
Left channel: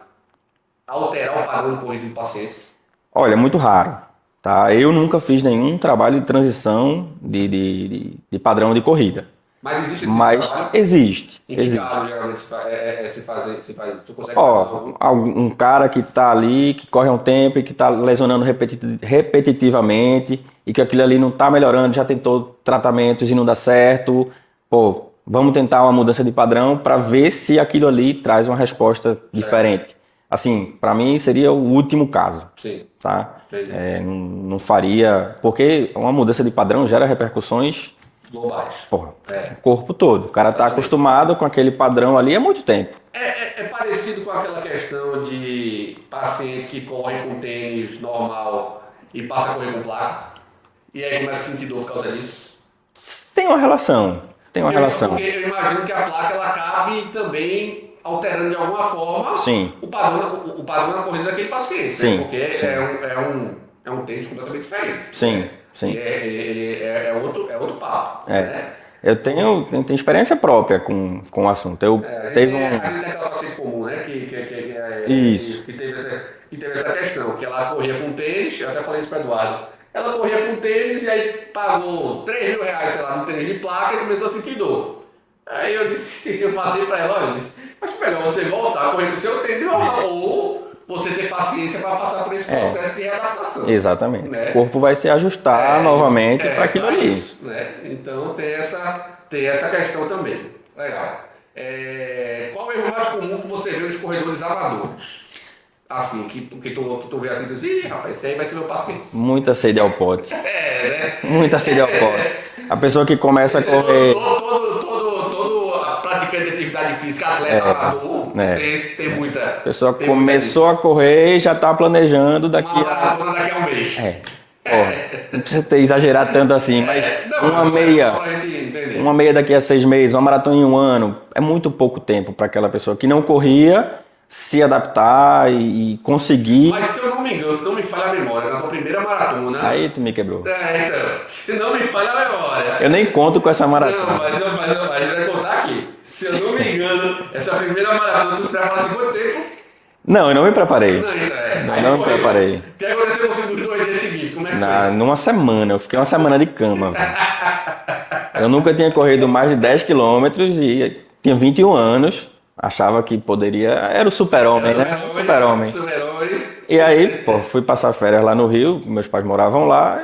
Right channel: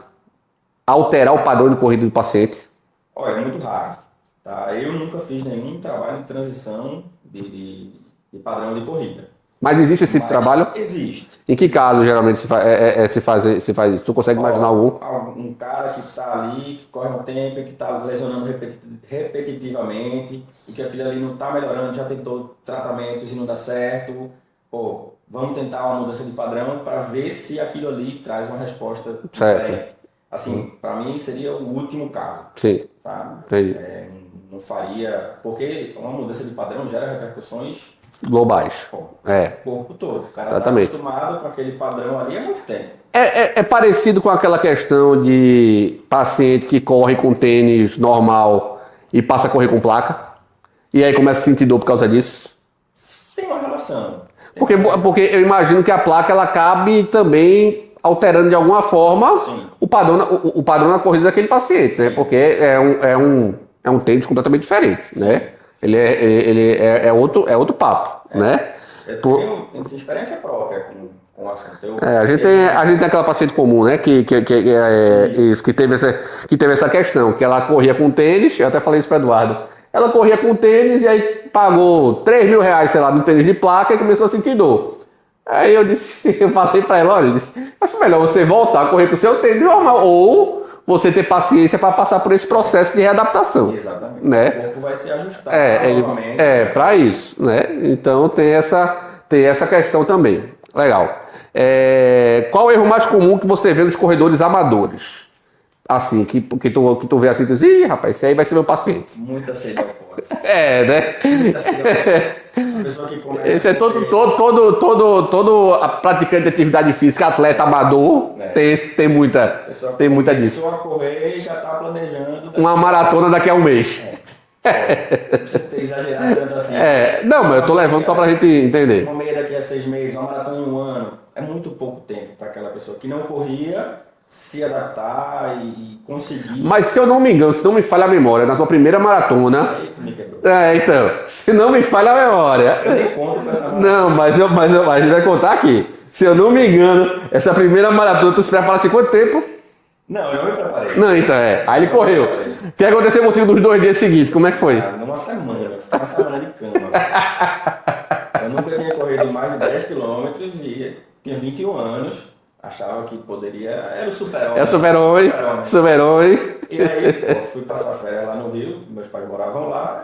alterar o padrão de corrida do paciente? Olha, é muito raro. Tá? Eu nunca fiz nenhum trabalho de transição de padrão de corrida. Mas existe esse trabalho? Existe. Em que caso geralmente se faz isso? Tu consegue imaginar algum? Um cara que está ali, que corre há um tempo e que está lesionando repetitivamente e que aquilo ali não está melhorando, já tentou tratamentos e não dá certo. Vamos tentar uma mudança de padrão para ver se aquilo ali traz uma resposta diferente. Assim, para mim seria o último caso. Sim. Tá? Não faria... Porque uma mudança de padrão gera repercussões... globais. O corpo todo. O cara está acostumado com aquele padrão ali há muito tempo. É parecido com aquela questão de paciente que corre com tênis normal e passa a correr com placa. E aí começa a sentir dor por causa disso. Tem uma relação. Porque eu imagino que a placa ela acabe também alterando de alguma forma o padrão na corrida daquele paciente. Né? Porque é um tênis completamente diferente. Né? Sim. Ele é outro papo, né? Eu tenho experiência própria com o assunto. A gente tem aquela paciente comum, né? Que teve essa questão, que ela corria com tênis, eu até falei isso para Eduardo. Ela corria com tênis e aí pagou R$3.000, sei lá, no tênis de placa e começou a sentir dor. Aí eu falei para ela, olha, acho melhor você voltar a correr com o seu tênis normal, ou você ter paciência para passar por esse processo de readaptação. Exatamente. Né? O corpo vai se ajustar novamente para isso. Né? Então tem essa questão também. Legal. Qual é o erro mais comum que você vê nos corredores amadores? Assim, que tu vê assim, tu diz, ih, rapaz, esse aí vai ser meu paciente. Muita sede ao pote. Né? Muita sede ao pote. A pessoa que começa a correr... Todo praticante de atividade física, atleta amador, tem muita... A pessoa começou a correr e já está planejando... uma maratona daqui a um mês. Não precisa ter exagerado tanto assim. Não, mas eu tô levando só pra gente entender. Uma meia daqui a 6 meses, uma maratona em 1 ano, é muito pouco tempo para aquela pessoa que não corria se adaptar e conseguir. Mas se eu não me engano, se não me falha a memória, na sua primeira maratona... Aí tu me quebrou. Então, se não me falha a memória... Eu nem conto com essa maratona. Não, mas a gente vai contar aqui. Se eu não me engano, essa primeira maratona, tu se preparasse quanto tempo? Não, eu não me preparei. Não, então Aí ele correu. O que aconteceu contigo nos 2 dias seguintes? Como é que foi? Numa semana, eu fiquei uma semana de cama. Velho. Eu nunca tinha corrido mais de 10 quilômetros e tinha 21 anos. Achava que poderia... Era o super-homem, Super-homem. E aí, fui passar férias lá no Rio, meus pais moravam lá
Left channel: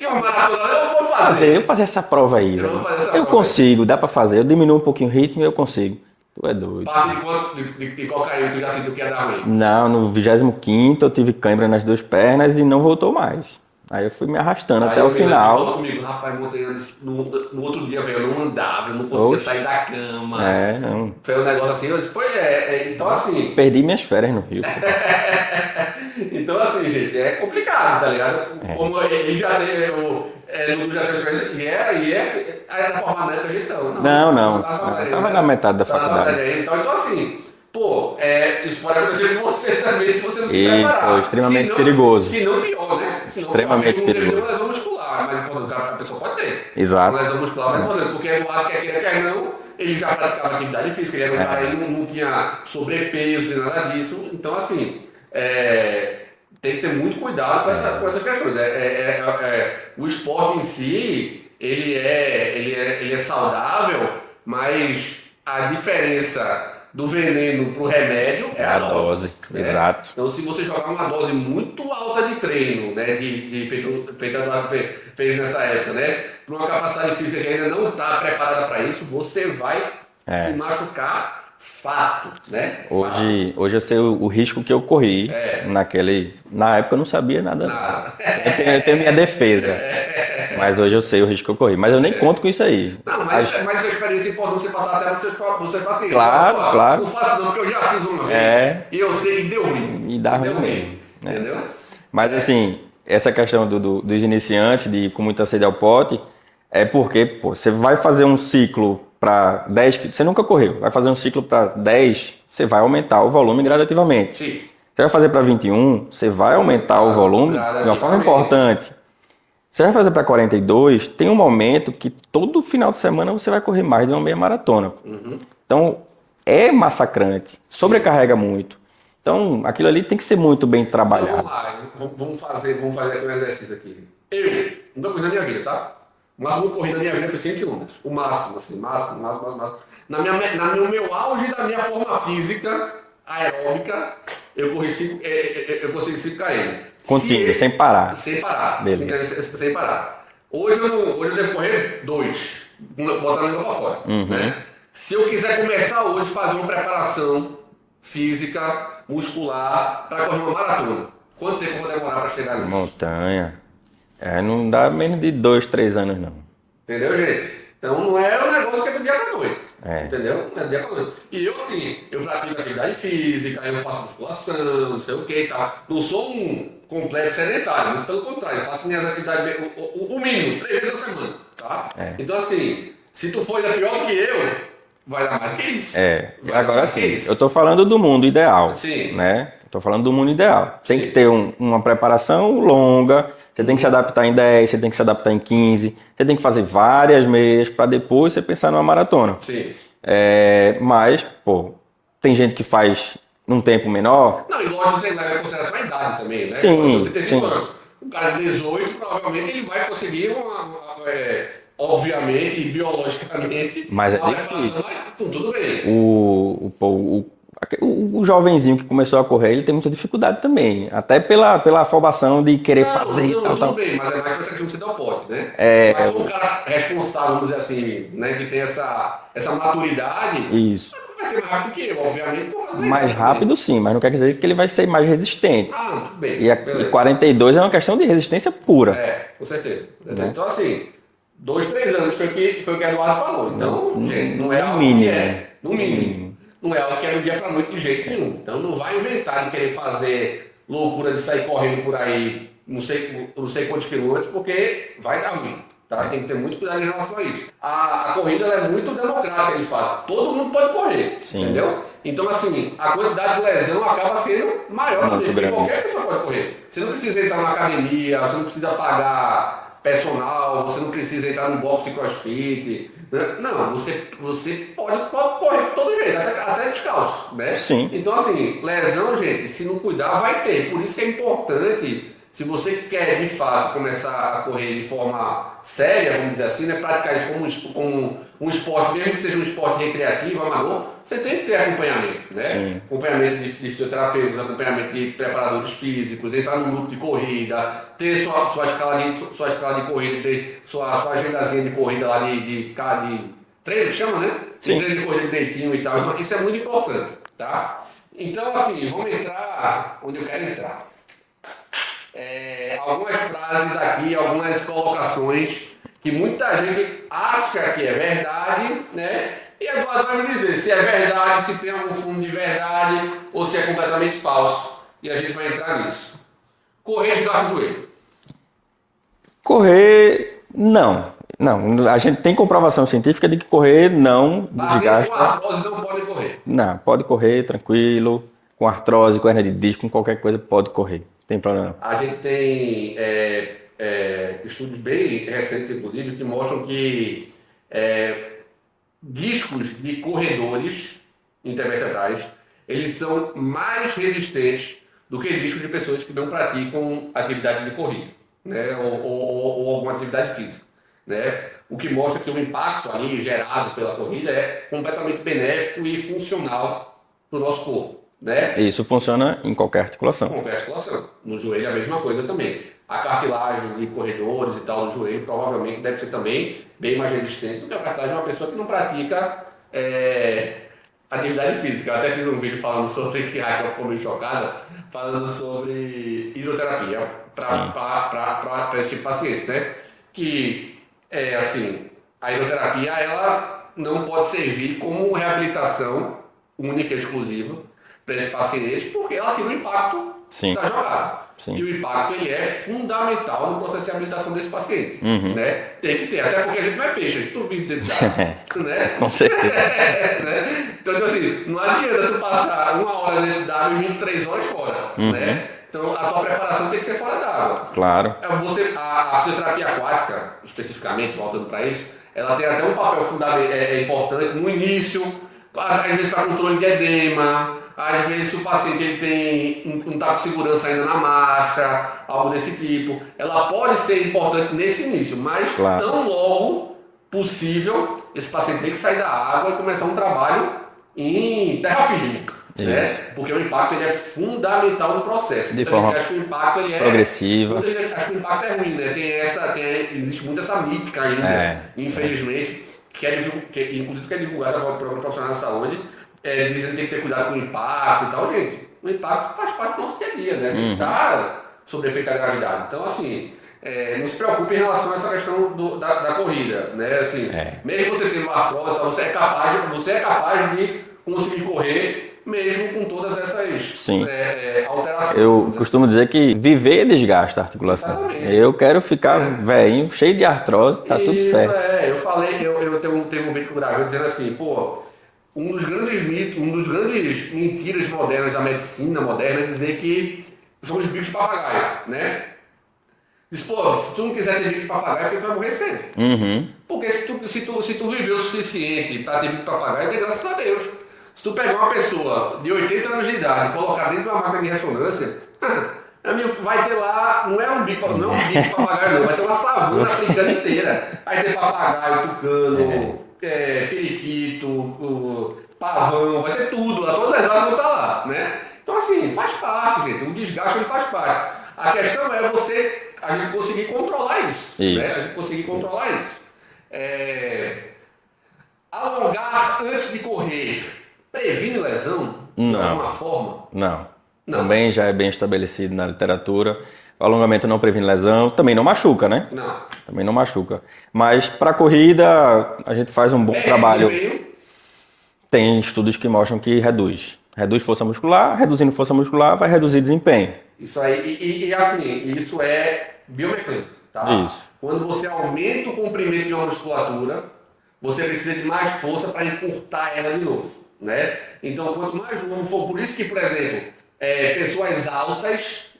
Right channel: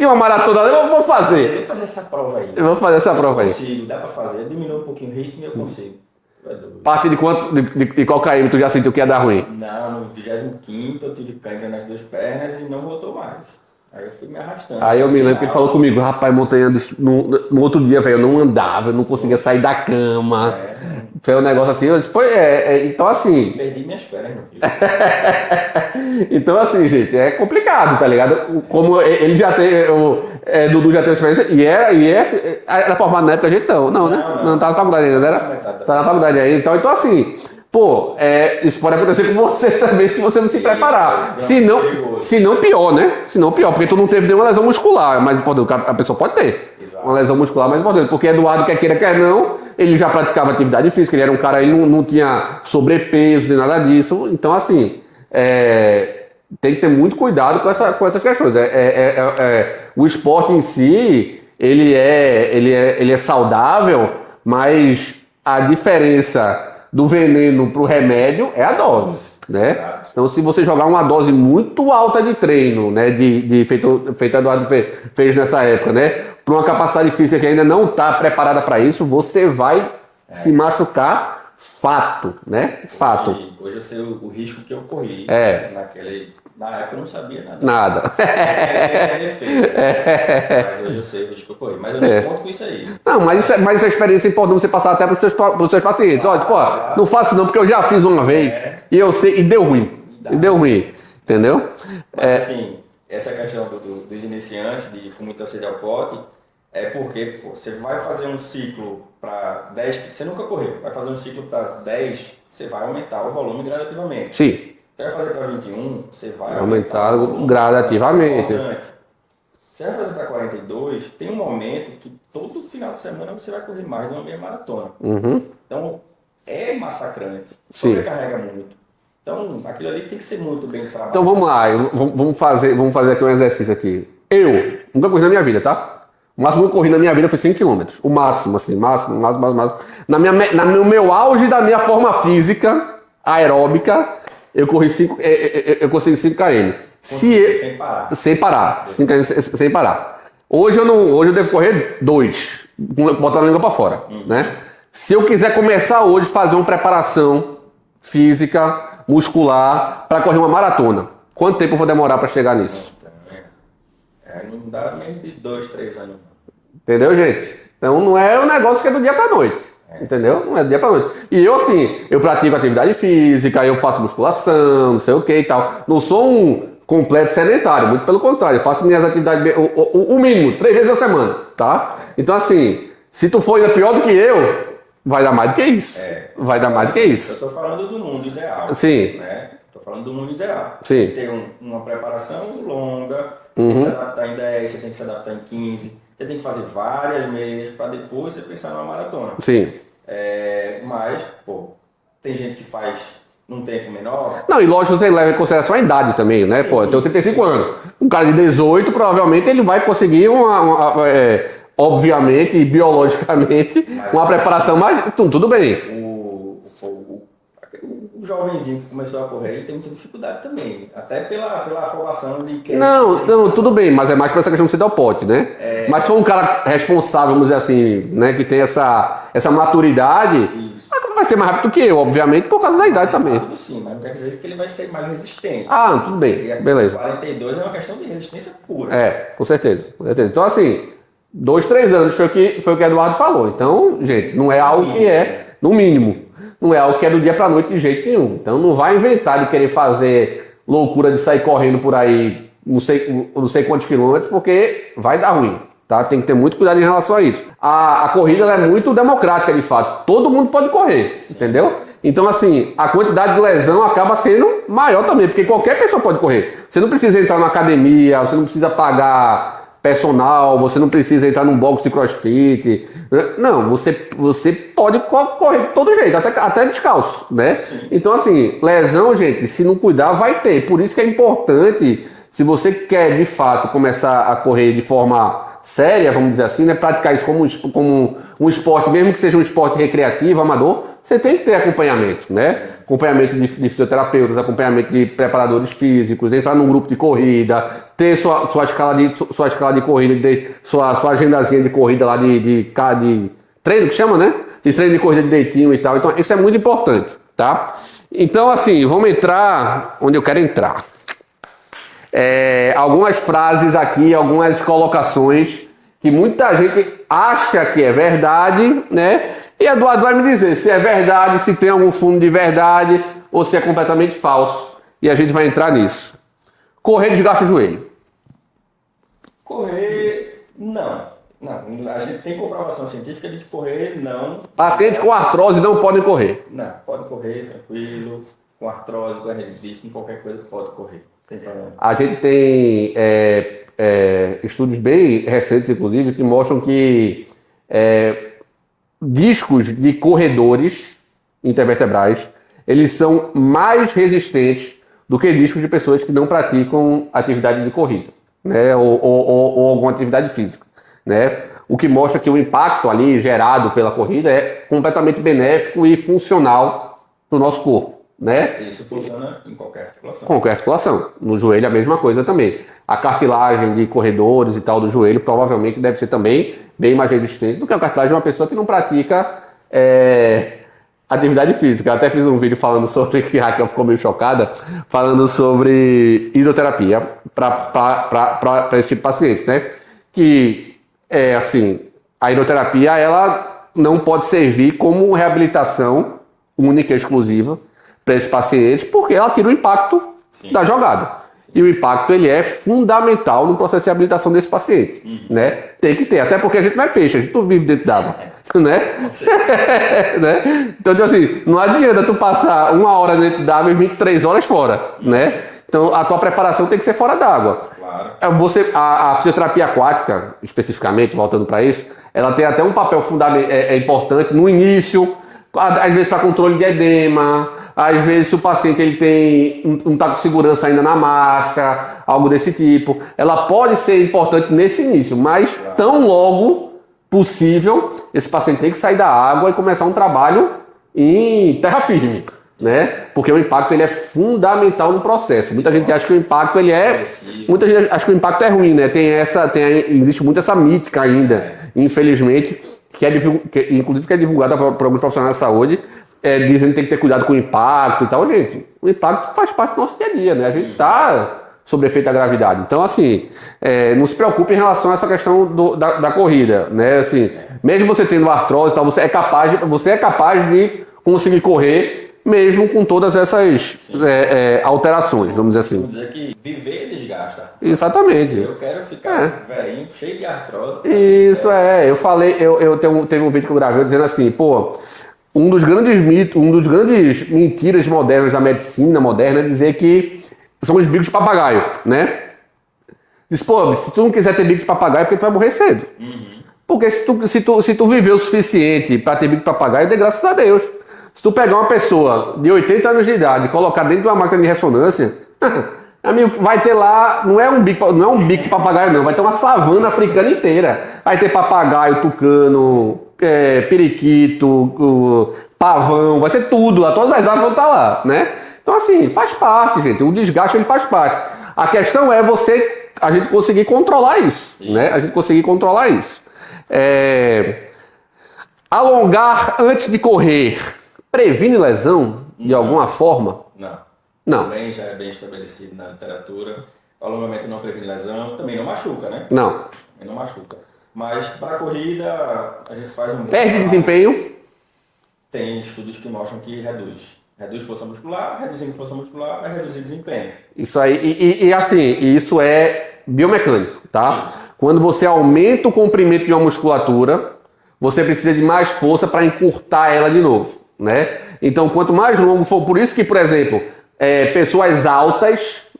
e uma maratona eu vou fazer. Eu vou fazer essa prova aí. Eu vou fazer essa prova aí. Eu consigo, dá pra fazer. Eu diminuo um pouquinho o ritmo e eu consigo. Tu é doido. A partir de quanto, de qual KM tu já sentiu que ia dar ruim? Não, no 25º eu tive cãibra nas 2 pernas e não voltou mais. Aí eu fui me arrastando aí até o final. Aí o final. falou comigo, rapaz, montanha, no outro dia, velho, eu não andava, eu não conseguia sair da cama. Não. Foi um negócio assim, eu disse, então assim... Perdi minhas férias no Rio. Então assim, gente, é complicado, tá ligado? Como ele já tem, Dudu já tem experiência, era formado na época, a gente não tava na faculdade ainda, não era na metade da faculdade. Tava na faculdade aí, então assim... isso pode acontecer com você também se você não se preparar. Extremamente perigoso. Se não pior, né? Se não pior, porque tu não teve nenhuma lesão muscular, mas a pessoa pode ter. Exato. Uma lesão muscular mais importante, porque Eduardo, quer queira, quer não, ele já praticava atividade física, ele era um cara aí, não tinha sobrepeso nem nada disso. Então, assim, tem que ter muito cuidado com essas questões. O esporte em si, ele é saudável, mas a diferença do veneno pro remédio é a dose, né? Exato. Então, se você jogar uma dose muito alta de treino, né, feito Eduardo fez nessa época, né, para uma capacidade física que ainda não está preparada para isso, você vai se machucar. Fato, né? Fato. Hoje eu sei o risco que eu corri. Na época eu não sabia nada. Eu tenho minha defesa. Mas hoje eu sei o risco que eu corri. Mas eu nem conto com isso aí. Não, mas essa experiência é importante você passar até para os seus pacientes. Claro, Olha, claro. Não faço não, porque eu já fiz uma vez e eu sei, e deu ruim. E deu ruim. Entendeu? Mas assim, essa questão dos iniciantes, de ir com muita sede ao pote, é porque você vai fazer um ciclo para 10, você nunca correu, vai fazer um ciclo para 10, você vai aumentar o volume gradativamente. Sim. Você vai fazer para 21, você vai aumentar o volume gradativamente. É importante. Você vai fazer para 42, tem um momento que todo final de semana você vai correr mais de uma meia maratona. Então, é massacrante, sobrecarrega muito. Então, aquilo ali tem que ser muito bem trabalhado. Então, vamos lá, vamos fazer aqui um exercício aqui. Eu nunca corri na minha vida, tá? O máximo que eu corri na minha vida foi 5 km. O máximo, assim, máximo. No meu auge da minha forma física, aeróbica, eu consegui 5 km. Contigo, sem parar. Sem parar. 5 km sem parar. Hoje eu devo correr 2, botando a língua pra fora, né? Se eu quiser começar hoje a fazer uma preparação física, muscular, para correr uma maratona, quanto tempo eu vou demorar para chegar nisso? Montanha. Não dá menos de 2, 3 anos, não. Entendeu, gente? Então não é um negócio que é do dia pra noite. Entendeu? Não é do dia pra noite. E eu, assim, eu pratico atividade física, eu faço musculação, não sei o que e tal. Não sou um completo sedentário, muito pelo contrário. Eu faço minhas atividades, o mínimo, 3 vezes a semana, tá? Então, assim, se tu for ainda pior do que eu, vai dar mais do que isso. Vai dar mais do que isso. Eu tô falando do mundo ideal. Sim. Né? Tô falando do mundo ideal. Sim. Tem que ter uma preparação longa, você tem que se adaptar em 10, você tem que se adaptar em 15, você tem que fazer várias meias para depois você pensar numa maratona. Sim. Mas, tem gente que faz num tempo menor. Não, e lógico que você leva em consideração a idade também, né? Sim, eu tenho 35 anos. Um cara de 18, provavelmente, ele vai conseguir obviamente e biologicamente, uma preparação mais... Tudo bem. O jovenzinho que começou a correr, ele tem muita dificuldade também. Até pela afobação de querer fazer. Não, tudo bem, mas é mais por essa questão de ser ao pote, né? Mas se for um cara responsável, vamos dizer assim, né? Que tem essa maturidade, isso. Vai ser mais rápido que eu, obviamente, por causa da idade também. Mais rápido sim, mas não quer dizer que ele vai ser mais resistente. Tudo bem, beleza. 42 é uma questão de resistência pura. Com certeza. Então, assim, 2, 3 anos foi o que Eduardo falou. Então, gente, não é algo que é, no mínimo. Não é algo que é do dia pra noite de jeito nenhum. Então não vai inventar de querer fazer loucura de sair correndo por aí não sei quantos quilômetros, porque vai dar ruim. Tá? Tem que ter muito cuidado em relação a isso. A corrida ela é muito democrática, de fato. Todo mundo pode correr, entendeu? Então, assim, a quantidade de lesão acaba sendo maior também, porque qualquer pessoa pode correr. Você não precisa entrar na academia, você não precisa pagar personal, você não precisa entrar num box de crossfit. Não, você pode correr de todo jeito, até descalço, né? Sim. Então, assim, lesão, gente, se não cuidar, vai ter. Por isso que é importante, se você quer, de fato, começar a correr de forma séria, vamos dizer assim, né? Praticar isso como um esporte, mesmo que seja um esporte recreativo, amador, você tem que ter acompanhamento, né? Sim. Acompanhamento de fisioterapeutas, acompanhamento de preparadores físicos, entrar num grupo de corrida, ter sua escala de corrida, sua agendazinha de corrida lá de treino, que chama, né? De treino de corrida direitinho e tal. Então, isso é muito importante, tá? Então, assim, vamos entrar onde eu quero entrar. Algumas frases aqui, algumas colocações que muita gente acha que é verdade, né? E Eduardo vai me dizer se é verdade, se tem algum fundo de verdade ou se é completamente falso. E a gente vai entrar nisso. Correr desgasta o joelho. Correr, não. Não, a gente tem comprovação científica de que correr não Pacientes com artrose não podem correr. Não, pode correr tranquilo, com artrose, com hernia de disco, com qualquer coisa pode correr, não tem problema não. A gente tem estudos bem recentes, inclusive, que mostram que discos de corredores intervertebrais, eles são mais resistentes do que discos de pessoas que não praticam atividade de corrida, né? ou alguma atividade física, né? O que mostra que o impacto ali gerado pela corrida é completamente benéfico e funcional para o nosso corpo, né? Isso funciona em qualquer articulação. Qualquer articulação. No joelho a mesma coisa também. A cartilagem de corredores e tal do joelho provavelmente deve ser também bem mais resistente do que a cartilagem de uma pessoa que não pratica atividade física. Eu até fiz um vídeo falando sobre, que a Raquel ficou meio chocada, falando sobre hidroterapia para esse tipo de paciente, né? Que, assim, a hidroterapia ela não pode servir como reabilitação única e exclusiva para esse paciente, porque ela tira o impacto da jogada. Sim. E o impacto ele é fundamental no processo de reabilitação desse paciente, né? Tem que ter, até porque a gente não é peixe, a gente não vive dentro d'água, né? Com certeza. Né? Então, tipo assim, não adianta tu passar 1 hora dentro d'água e 23 horas fora, né? Então, a tua preparação tem que ser fora d'água. Claro. A fisioterapia aquática, especificamente, voltando para isso, ela tem até um papel fundamental, importante no início, às vezes para controle de edema. Às vezes, se o paciente ele não está com segurança ainda na marcha, algo desse tipo, ela pode ser importante nesse início, mas tão logo possível, esse paciente tem que sair da água e começar um trabalho em terra firme, né? Porque o impacto ele é fundamental no processo. Muita gente acha que o impacto ele é progressivo. Muita gente acha que o impacto é ruim, né? Existe muito essa mítica ainda, infelizmente, inclusive que é divulgada por alguns profissionais de saúde. Dizendo que tem que ter cuidado com o impacto e tal. Gente, o impacto faz parte do nosso dia a dia, né? A gente está sob efeito da gravidade. Então, assim, não se preocupe em relação a essa questão da corrida, né? Assim, mesmo você tendo artrose e tal, você é capaz de conseguir correr mesmo com todas essas alterações, vamos dizer assim. Eu costumo dizer que viver desgasta a articulação. Exatamente. Eu quero ficar velhinho, cheio de artrose, tá tudo certo. Isso eu falei, teve um vídeo que eu gravei dizendo assim, pô, um dos grandes mitos, mentiras modernas da medicina moderna é dizer que são os bicos de papagaio, né? Diz, pô, se tu não quiser ter bico de papagaio, é porque tu vai morrer cedo. Porque se tu viveu o suficiente para ter bico de papagaio, dê graças a Deus. Se tu pegar uma pessoa de 80 anos de idade e colocar dentro de uma máquina de ressonância, amigo, vai ter lá, não é um bico de papagaio não, vai ter uma savana africana inteira. Vai ter papagaio, tucano, periquito, pavão, vai ser tudo lá, todas as aves vão estar lá, né? Então assim, faz parte, gente, o desgaste ele faz parte. A questão é a gente conseguir controlar isso. Né? A gente conseguir controlar isso. Alongar antes de correr previne lesão de alguma forma? Não. Também já é bem estabelecido na literatura. O alongamento não previne lesão, também não machuca, né? Não. Também não machuca. Mas para corrida, a gente faz um bom trabalho. Desempenho? Tem estudos que mostram que reduz. Reduz força muscular, reduzindo força muscular vai reduzir desempenho. Isso aí, e assim, isso é biomecânico, tá? Isso. Quando você aumenta o comprimento de uma musculatura, você precisa de mais força para encurtar ela de novo, né? Então, quanto mais longo for, por isso que, por exemplo, pessoas altas,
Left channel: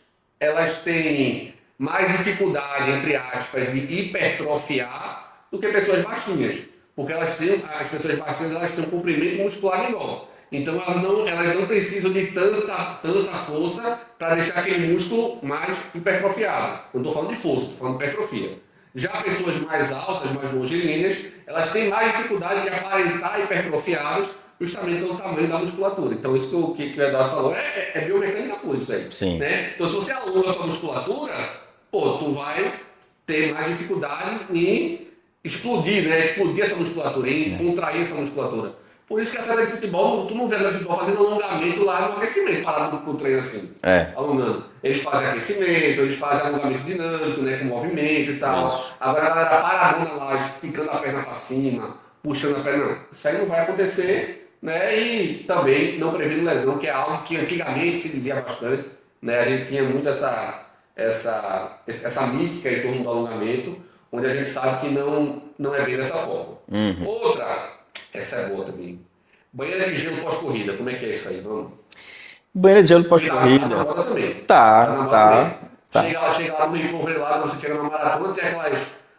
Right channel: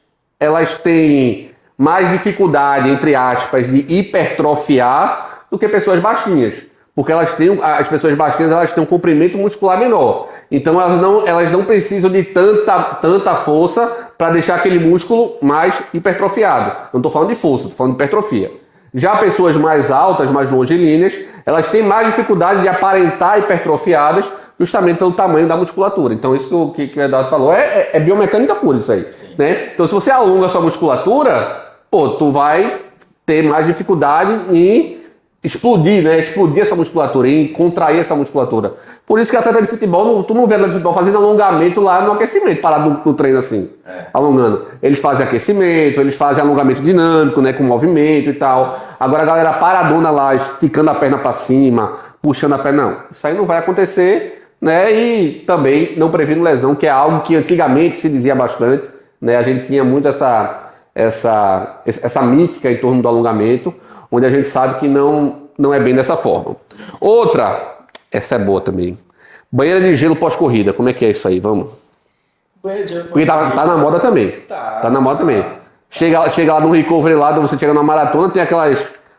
elas têm mais dificuldade, entre aspas, de hipertrofiar do que pessoas baixinhas. Porque as pessoas baixinhas, elas têm um comprimento muscular menor. Então, elas não precisam de tanta força para deixar aquele músculo mais hipertrofiado. Não estou falando de força, estou falando de hipertrofia. Já pessoas mais altas, mais longilíneas, elas têm mais dificuldade de aparentar hipertrofiadas justamente pelo tamanho da musculatura. Então, isso que o Eduardo falou é biomecânica pura, isso aí. Sim. Né? Então, se você alonga a sua musculatura, tu vai ter mais dificuldade em explodir, né? Explodir essa musculatura, em contrair essa musculatura. Por isso que atleta de futebol, tu não vê atleta de futebol fazendo alongamento lá no aquecimento, parado no treino assim, alongando. Eles fazem aquecimento, eles fazem alongamento dinâmico, né, com movimento e tal. Agora a galera paradona lá, esticando a perna para cima, puxando a perna, não. Isso aí não vai acontecer, né, e também não previno lesão, que é algo que antigamente se dizia bastante, né, a gente tinha muito essa mítica em torno do alongamento, onde a gente sabe que não é bem dessa forma. Outra, essa é boa também. Banheira de gelo pós-corrida, como é que é isso aí? Vamos. Banheira de gelo pós-corrida. Tá na moda também. Tá na moda também. Tá. Chega lá no recovery lá, você chega na maratona, tem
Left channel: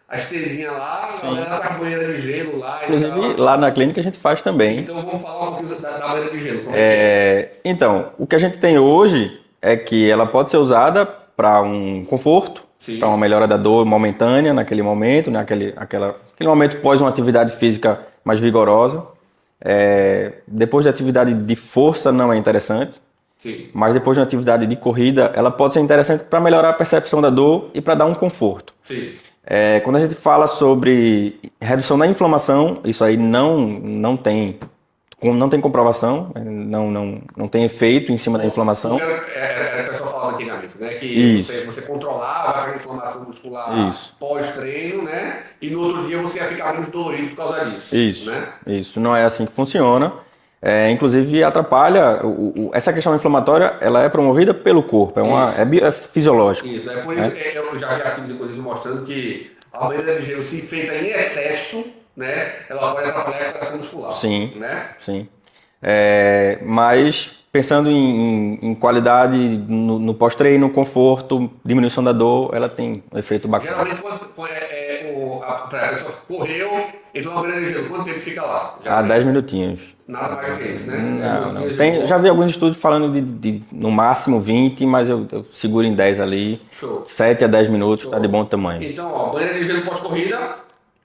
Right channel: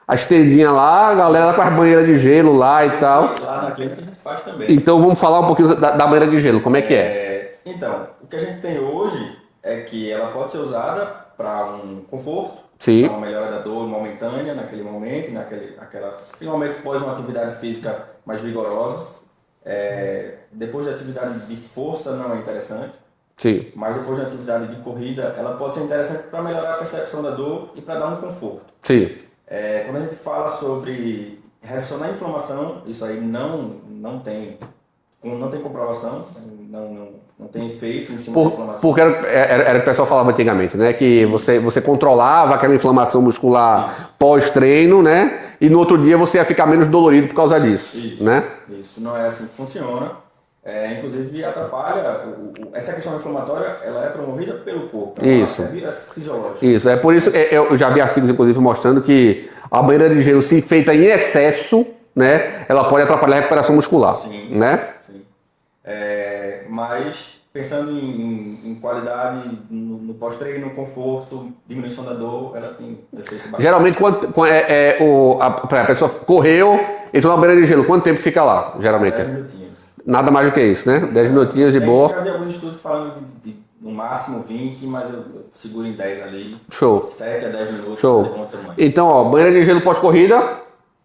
as tendinhas lá, a galera lá com as banheiras de gelo lá e tal. Lá na clínica a gente faz também. Então vamos falar um pouquinho da banheira de gelo, como é que é? Então, o que a gente tem hoje é que ela pode ser usada para um conforto, para uma melhora da dor momentânea naquele momento, né? Aquele momento pós uma atividade física mais vigorosa. Depois de atividade de força não é interessante. Sim. Mas depois de uma atividade de corrida, ela pode ser interessante para melhorar a percepção da dor e para dar um conforto. Sim. Quando a gente fala sobre redução da inflamação, isso aí não tem comprovação, não tem efeito em cima da inflamação. Porque era o que o pessoal falava antigamente, né? Que você controlava aquela inflamação muscular pós-treino, né? E no outro dia você ia ficar menos dolorido por causa disso. Isso, né? Isso não é assim que funciona. Inclusive atrapalha, essa questão inflamatória, ela é promovida pelo corpo, é fisiológico. Isso, é por isso, eu já vi artigos inclusive mostrando que a banheira de gelo, se feita em excesso, né, ela pode atrapalhar a recuperação muscular. Sim, né? Sim. Mas pensando em qualidade no pós-treino, conforto, diminuição da dor, ela tem um efeito bacana. Geralmente, a pessoa correu, entrou na banheira de gelo, quanto tempo fica lá? Geralmente? 10 minutinhos. Nada mais do que isso, né? 10 minutinhos de boa. Eu já vi alguns estudos falando de no máximo 20, mas eu seguro em 10 ali. Show. 7 a 10 minutos, tá de bom tamanho. Então, banheira de gelo pós-corrida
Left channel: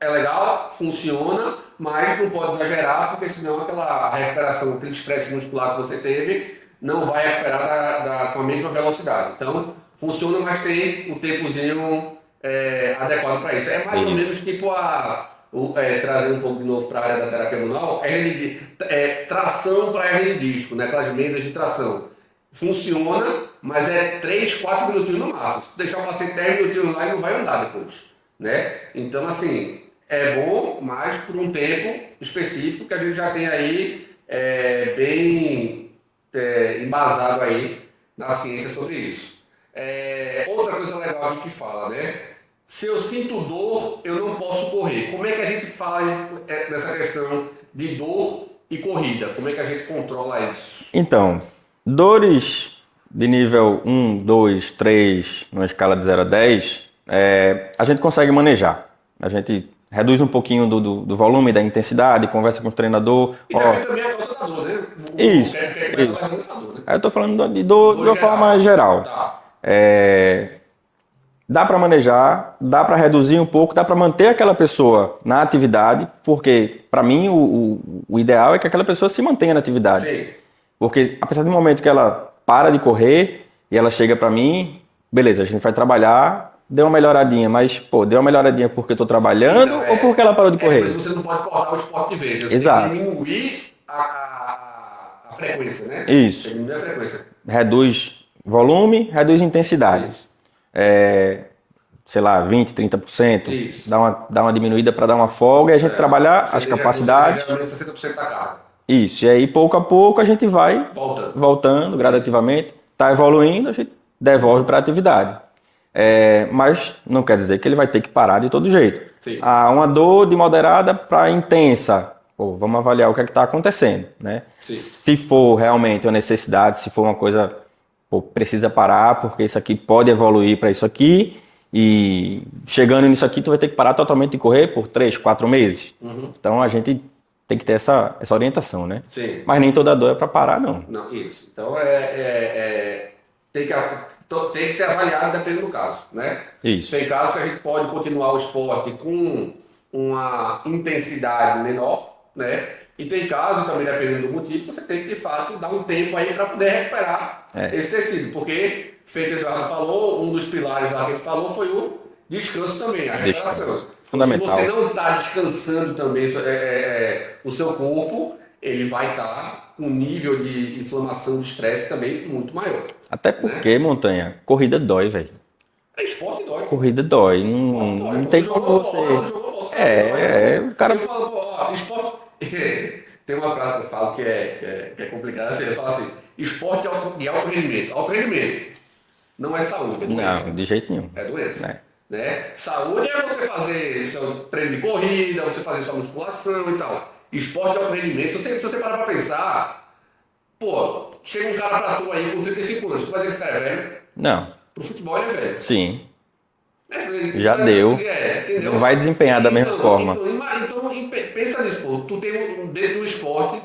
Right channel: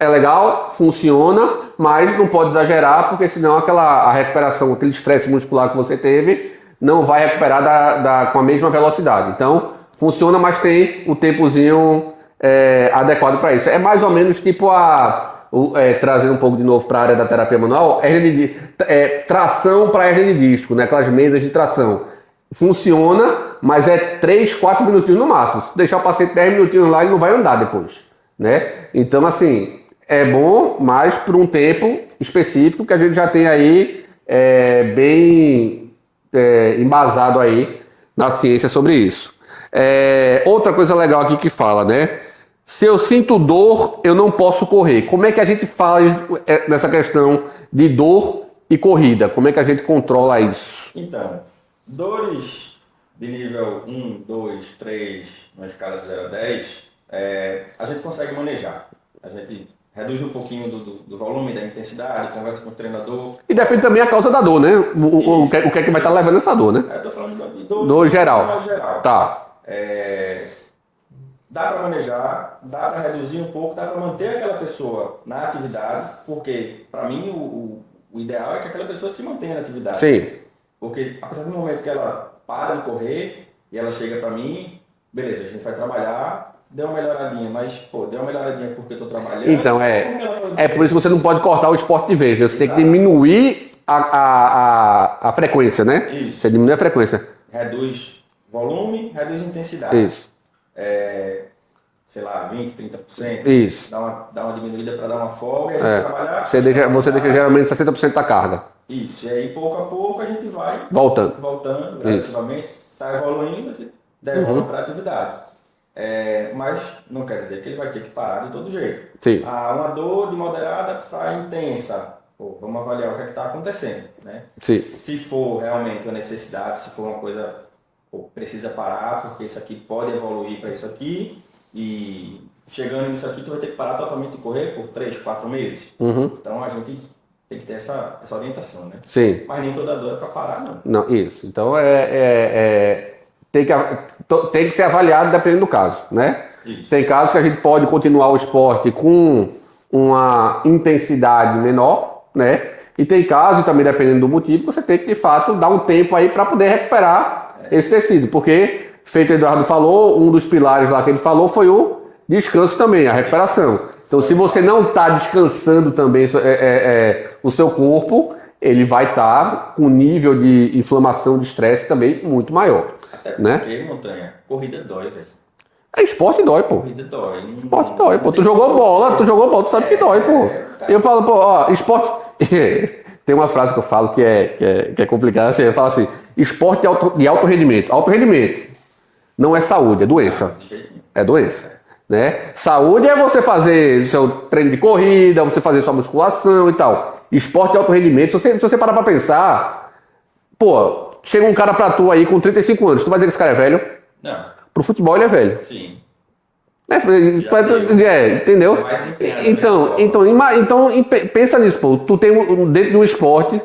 é legal, funciona, mas não pode exagerar, porque senão a recuperação, aquele estresse muscular que você teve, não vai recuperar com a mesma velocidade. Então, funciona, mas tem o tempozinho adequado para isso. É mais ou menos tipo trazendo um pouco de novo para a área da terapia manual, tração para hernia de disco, né? Aquelas mesas de tração. Funciona, mas 3, 4 minutinhos no máximo. Se deixar o paciente 10 minutinhos lá, ele não vai andar depois, né? Então, assim, é bom, mas por um tempo específico que a gente já tem aí bem embasado aí na ciência sobre isso. Outra coisa legal aqui que fala, né? Se eu sinto dor, eu não posso correr. Como é que a gente fala nessa questão de dor e corrida? Como é que a gente controla isso? Então, dores de nível 1, 2, 3, numa escala de 0 a 10, a gente consegue manejar. A gente reduz um pouquinho do volume, da intensidade, conversa com o treinador. E depende também a causa da dor, né? O que é que vai estar levando essa dor, né? Eu estou falando de dor de forma geral. Tá. Dá para manejar, dá para reduzir um pouco, dá para manter aquela pessoa na atividade, porque para mim o ideal é que aquela pessoa se mantenha na atividade. Sim. Porque a partir do momento que ela para de correr e ela chega para mim, beleza, a gente vai trabalhar, deu uma melhoradinha, mas deu uma melhoradinha porque eu tô trabalhando ou porque ela parou de correr? É por isso que você não pode cortar o esporte de vez, né? Você tem que diminuir a frequência, né? Isso. Você diminui a frequência. Reduz volume, reduz intensidade. Isso. Sei lá, 20%, 30%. Isso. Dá uma diminuída para dar uma folga e a gente trabalhar você deixa geralmente 60% da carga. Isso, e aí pouco a pouco a gente vai voltando gradativamente, está evoluindo, a gente devolve para a atividade. Mas não quer dizer que ele vai ter que parar de todo jeito. Sim. Uma dor de moderada para intensa, vamos avaliar o que é que está acontecendo, né? Sim. Se for realmente uma necessidade, se for uma coisa, precisa parar, porque isso aqui pode evoluir para isso aqui, e chegando nisso aqui, tu vai ter que parar totalmente de correr por 3, 4 meses. Então a gente tem que ter essa orientação, né? Sim. Mas nem toda dor é para parar, não. Não, isso. Então tem que ser avaliado dependendo do caso, né? Isso. Tem casos que a gente pode continuar o esporte com uma intensidade menor, né? E tem casos, também dependendo do motivo, você tem que, de fato, dar um tempo aí para poder recuperar esse tecido. Porque, feito o Eduardo falou, um dos pilares lá que ele falou foi o descanso também, a recuperação. Então, se você não está descansando também o seu corpo, ele vai estar com um nível de inflamação, de estresse também muito maior. Até porque, Montanha, corrida dói, velho. Esporte dói, pô. Corrida dói. Esporte dói, pô. Tu jogou bola, tu sabe que dói, pô. Cara... Eu falo, pô, esporte... Tem uma frase que eu falo que é complicada, assim, eu falo assim, esporte de alto rendimento. Alto rendimento não é saúde, é doença. Não, de jeito nenhum. É doença. Né? Saúde é você fazer seu treino de corrida, você fazer sua musculação e tal. Esporte de alto rendimento, se você parar pra pensar, pô, chega um cara pra tu aí com 35 anos, tu vai dizer que esse cara é velho? Não. Pro futebol ele é velho. Sim. Já deu. Entendeu? Não vai desempenhar da mesma forma. Então, pensa nisso, pô. Tu tem dentro do esporte,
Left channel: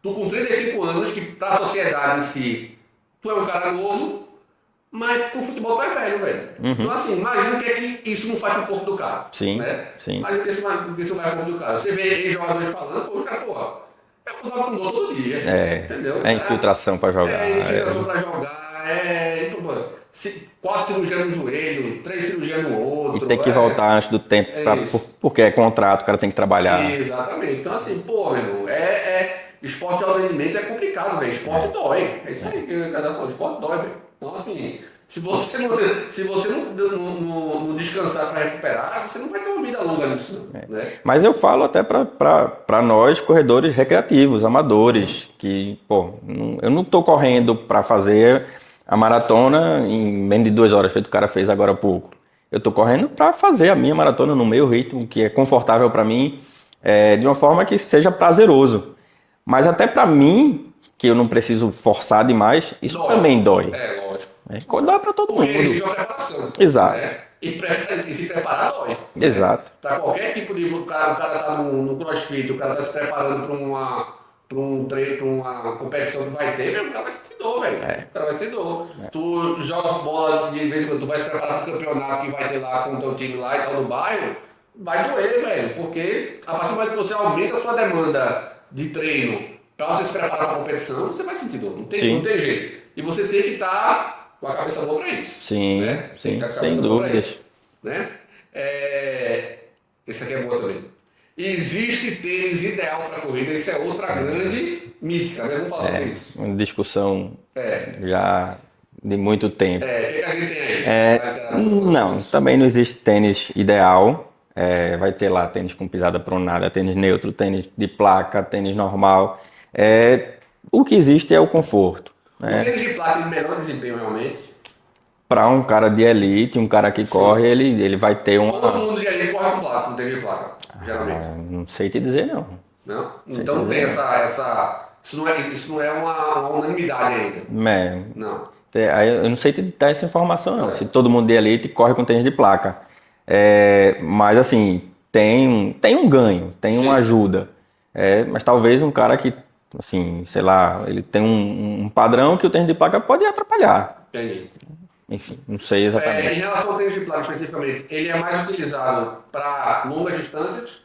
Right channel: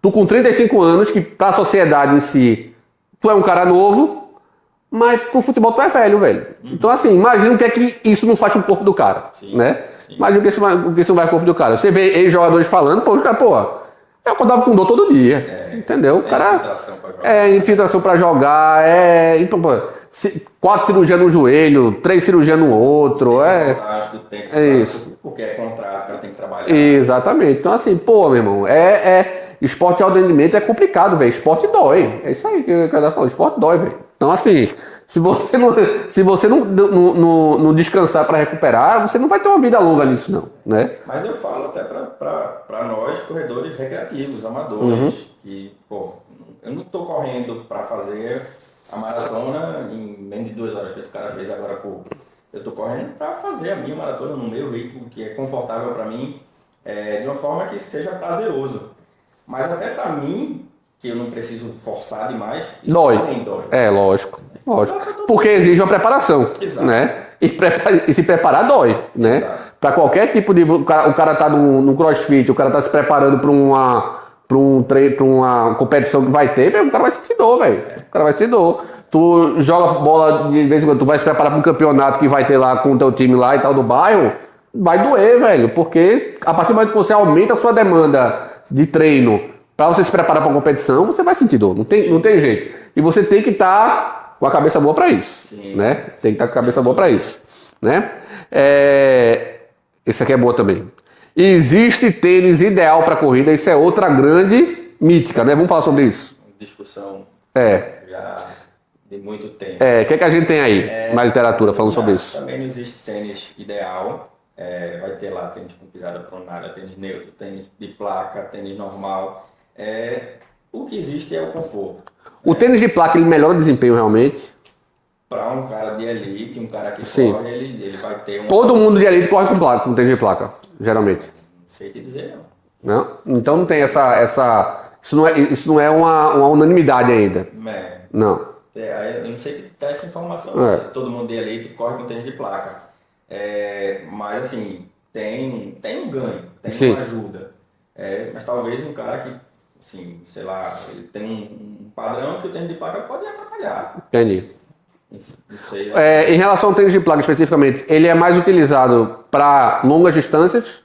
tu com 35 anos, que pra sociedade em si, tu é um cara novo, mas pro futebol tu é velho. Então, assim, imagina o que é que isso não faz com o corpo do cara. Sim. Né? Sim. Imagina o que isso não vai com o corpo do cara. Você vê ex-jogadores falando, pô, os caras, pô, eu acordava com dor todo dia. Entendeu? Infiltração pra jogar. Infiltração pra jogar, então, pô, 4 cirurgias no joelho, 3 cirurgias no outro. E tem que voltar antes do tempo, porque é contrato, o cara tem que trabalhar. Exatamente. Então, assim, pô, meu irmão, esporte de alto rendimento é complicado, velho. Esporte dói. É isso aí que eu quero falar. Esporte dói, velho. Então, assim, se você não descansar para recuperar, você não vai ter uma vida longa nisso, não. Né? Mas eu falo até para nós, corredores recreativos, amadores, que, pô, eu não tô correndo para fazer a maratona em menos de 2 horas, feito o cara fez agora há pouco. Eu tô correndo para fazer a minha maratona no meu ritmo, que é confortável para mim, de uma forma que seja prazeroso. Mas até para mim, que eu não preciso forçar demais, isso também dói. Lógico. Porque exige uma preparação. Exato. Né? E se preparar dói. Né? Exato. Para qualquer tipo de... O cara tá no crossfit, o cara tá se preparando para uma competição que vai ter, o cara vai sentir dor, velho. O cara vai sentir dor. Tu joga bola de vez em quando, tu vai se preparar para um campeonato que vai ter lá com o teu time lá e tal do bairro, vai doer, velho. Porque a partir do momento que você aumenta a sua demanda de treino para você se preparar para uma competição, você vai sentir dor. Não tem jeito. E você tem que estar com a cabeça boa para isso. Sim. Né? Tem que estar com a cabeça boa para isso. Né? Esse aqui é boa também. Existe tênis ideal para corrida, isso é outra grande mítica, né? Vamos falar sobre isso. Uma discussão já de muito tempo. O que a gente tem aí na literatura falando sobre isso? Também não existe tênis ideal. Vai ter lá tênis com pisada pronada, tênis neutro, tênis de placa, tênis normal. O que existe é o conforto. O tênis de placa, ele melhora o desempenho realmente? Para um cara de elite, um cara que corre, ele vai ter um... Todo mundo de elite corre com tênis de placa, geralmente. Não sei te dizer, não. Não? Então não tem essa... Isso não é uma unanimidade ainda. Não. Eu não sei te dar essa informação, não. Se todo mundo de elite corre com tênis de placa. Mas assim, tem um ganho, tem uma ajuda. Mas talvez um cara que, assim, sei lá, ele tem um padrão que o tênis de placa pode atrapalhar. Entendi. Enfim, não sei exatamente. Em relação ao tênis de placa especificamente, ele é mais utilizado para longas distâncias?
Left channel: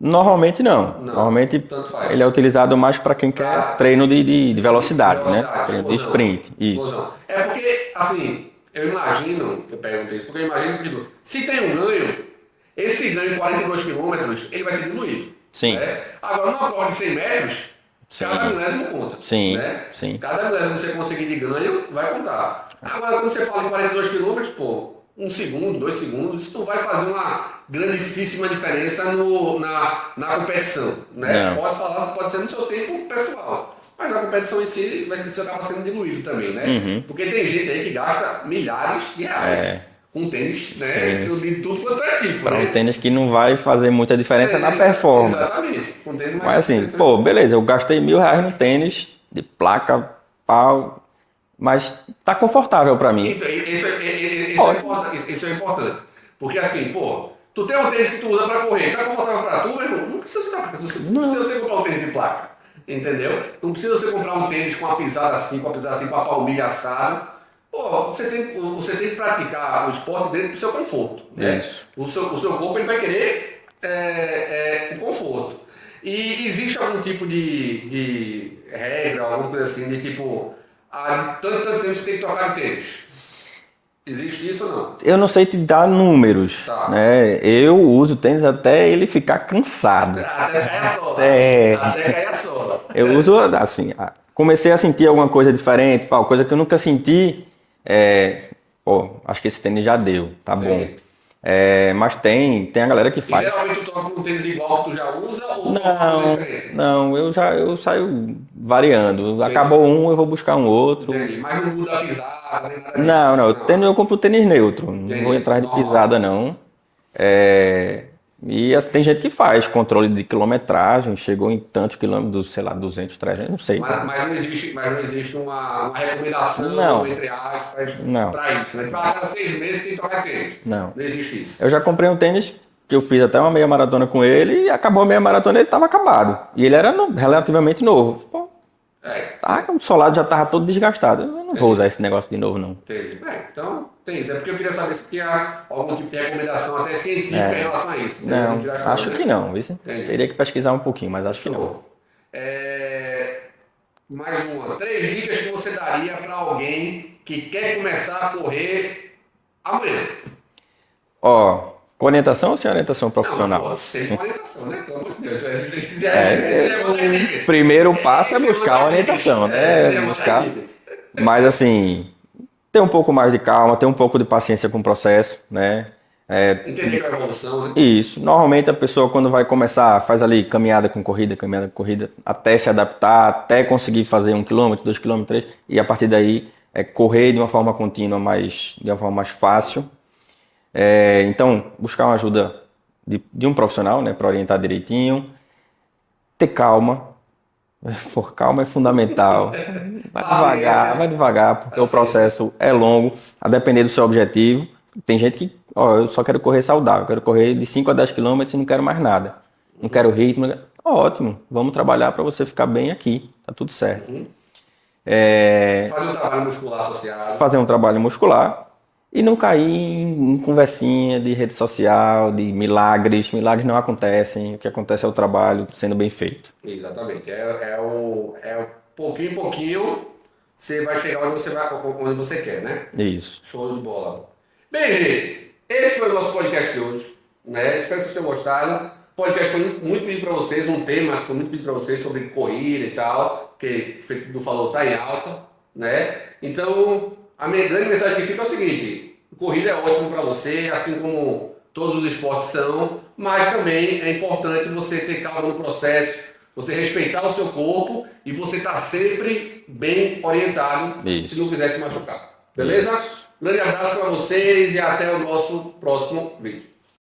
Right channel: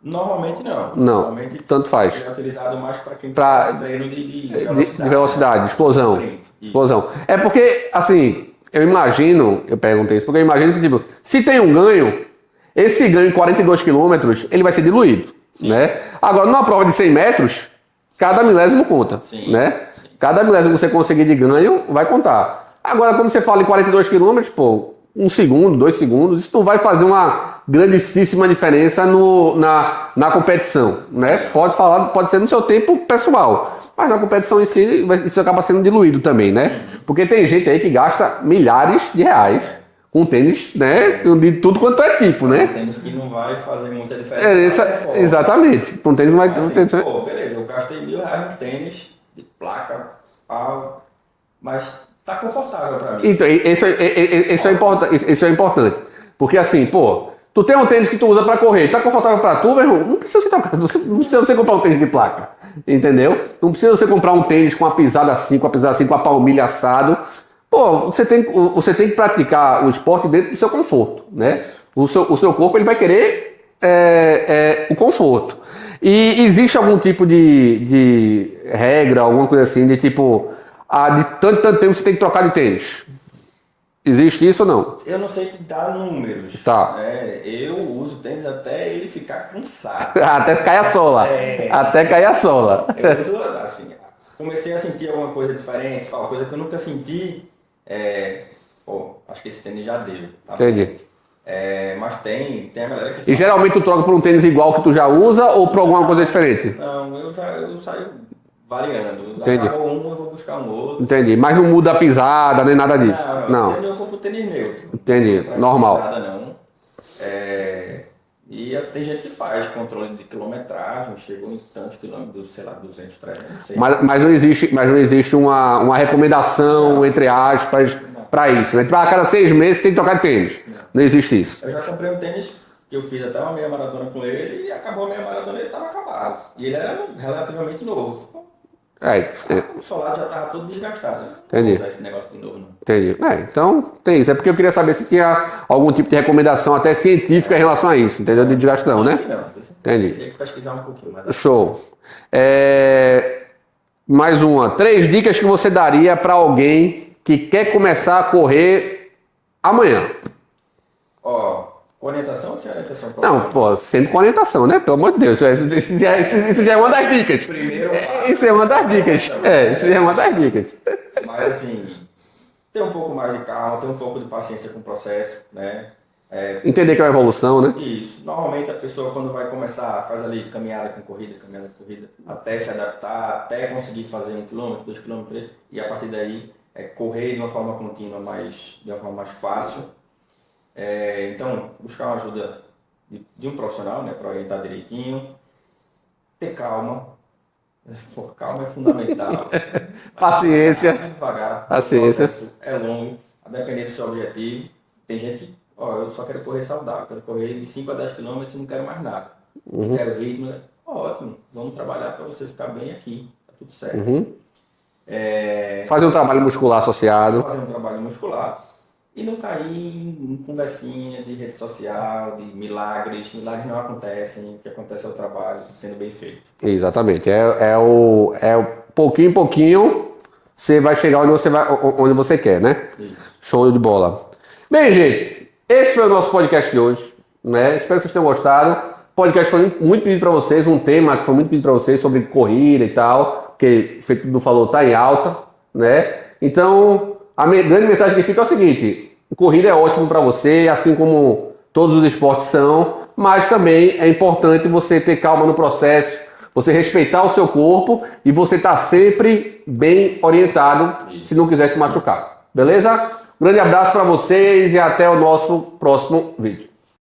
Normalmente não. Normalmente tanto faz. Ele é utilizado mais para quem quer treino de velocidade. De velocidade, de explosão. De sprint. Explosão. É porque, assim, eu perguntei isso, porque eu imagino que, tipo, se tem um ganho, esse ganho em 42 km, ele vai ser diluído. Sim. Né? Agora, numa prova de 100 metros, cada milésimo conta. Sim. Né? Sim. Cada milésimo que você conseguir de ganho, vai contar. Agora, quando você fala em 42 km, 1 segundo, 2 segundos, isso não vai fazer uma grandíssima diferença na competição, né? Pode ser no seu tempo pessoal, mas na competição em si isso acaba sendo diluído também, né? Porque tem gente aí que gasta milhares de reais com tênis, né? De tudo quanto é tipo, né? Um tênis que não vai fazer muita diferença na performance. Exatamente. Um tênis não vai mas, assim, pô, beleza, eu gastei R$1.000 no tênis, de placa, pau, mas tá confortável pra mim. Então, isso é importante. Porque assim, pô, tu tem um tênis que tu usa pra correr, tá confortável pra tu, meu irmão? Não precisa você comprar um tênis de placa, entendeu? Não precisa você comprar um tênis com a pisada assim, com a palmilha assado. Pô, você tem que praticar o esporte dentro do seu conforto, né? O seu corpo ele vai querer o conforto. E existe algum tipo de regra, alguma coisa assim, de tipo, de tanto tempo você tem que trocar de tênis? Existe isso ou não? Eu não sei te dar números, né? Eu uso tênis até ele ficar cansado. Até cair a sola. Até cair a sola. Eu uso assim, comecei a sentir alguma coisa diferente, coisa que eu nunca senti. Acho que esse tênis já deu, tá Entendi. bom. Mas tem a galera que faz. E geralmente tu troca por um tênis igual que tu já usa ou por alguma coisa diferente? Não, eu saio variando. Entendi. Acabou um, eu vou buscar um outro. Entendi. Mas não muda a pisada nem nada disso? Não. Eu compro tênis neutro. Entendi. Não vou entrar em pisada, não. E tem gente que faz controle de quilometragem, chegou em tantos quilômetros, sei lá, 200, 300, não sei. Mas não existe uma recomendação, entre aspas, para isso. Né? A cada 6 meses tem que trocar de tênis. Não existe isso. Eu já comprei um tênis que eu fiz até uma meia maratona com ele e acabou a meia maratona e ele estava acabado. E ele era relativamente novo. O solado já estava todo desgastado. Eu não vou usar esse negócio de novo, não. Entendi. Então, tem isso. É porque eu queria saber se tinha algum tipo de recomendação, até científica, em relação a isso, entendeu? De desgaste não, né? Acho que não. Entendi. Teria que pesquisar um pouquinho, mas acho Show. Mais uma. 3 dicas que você daria para alguém que quer começar a correr amanhã. Com orientação ou sem orientação profissional? Não, sempre com orientação, né? Pelo amor de Deus. Isso já é uma das dicas. Primeiro passo é uma das dicas. Isso é uma das dicas. Mas assim, ter um pouco mais de calma, ter um pouco de paciência com o processo, né? Entender que é uma evolução, né? Isso. Normalmente a pessoa quando vai começar, faz ali caminhada com corrida, até se adaptar, até conseguir fazer 1 km, 2 km, 3 e a partir daí correr de uma forma contínua, de uma forma mais fácil. Então, buscar uma ajuda de um profissional, né, para orientar direitinho, ter calma. Calma é fundamental. Paciência. Vai devagar, porque o processo é longo, a depender do seu objetivo. Tem gente que, eu só quero correr saudável, quero correr de 5 a 10 km e não quero mais nada. Não quero ritmo. Ótimo, vamos trabalhar para você ficar bem aqui, tá tudo certo. Fazer um trabalho muscular associado. Fazer um trabalho muscular. E não cair em conversinha de rede social, de milagres. Milagres não acontecem. O que acontece é o trabalho sendo bem feito. Exatamente. O pouquinho em pouquinho você vai chegar onde você quer, né? Isso. Show de bola. Bem, gente, esse foi o nosso podcast de hoje, né? Espero que vocês tenham gostado. O podcast foi muito pedido para vocês, um tema que foi muito pedido para vocês sobre corrida e tal, que o feito do falou tá em alta, né? Então, a grande mensagem que fica é o seguinte: corrida é ótimo para você, assim como todos os esportes são, mas também é importante você ter calma no processo, você respeitar o seu corpo e você estar sempre bem orientado, se não quiser se machucar. Beleza? Grande abraço para vocês e até o nosso próximo vídeo.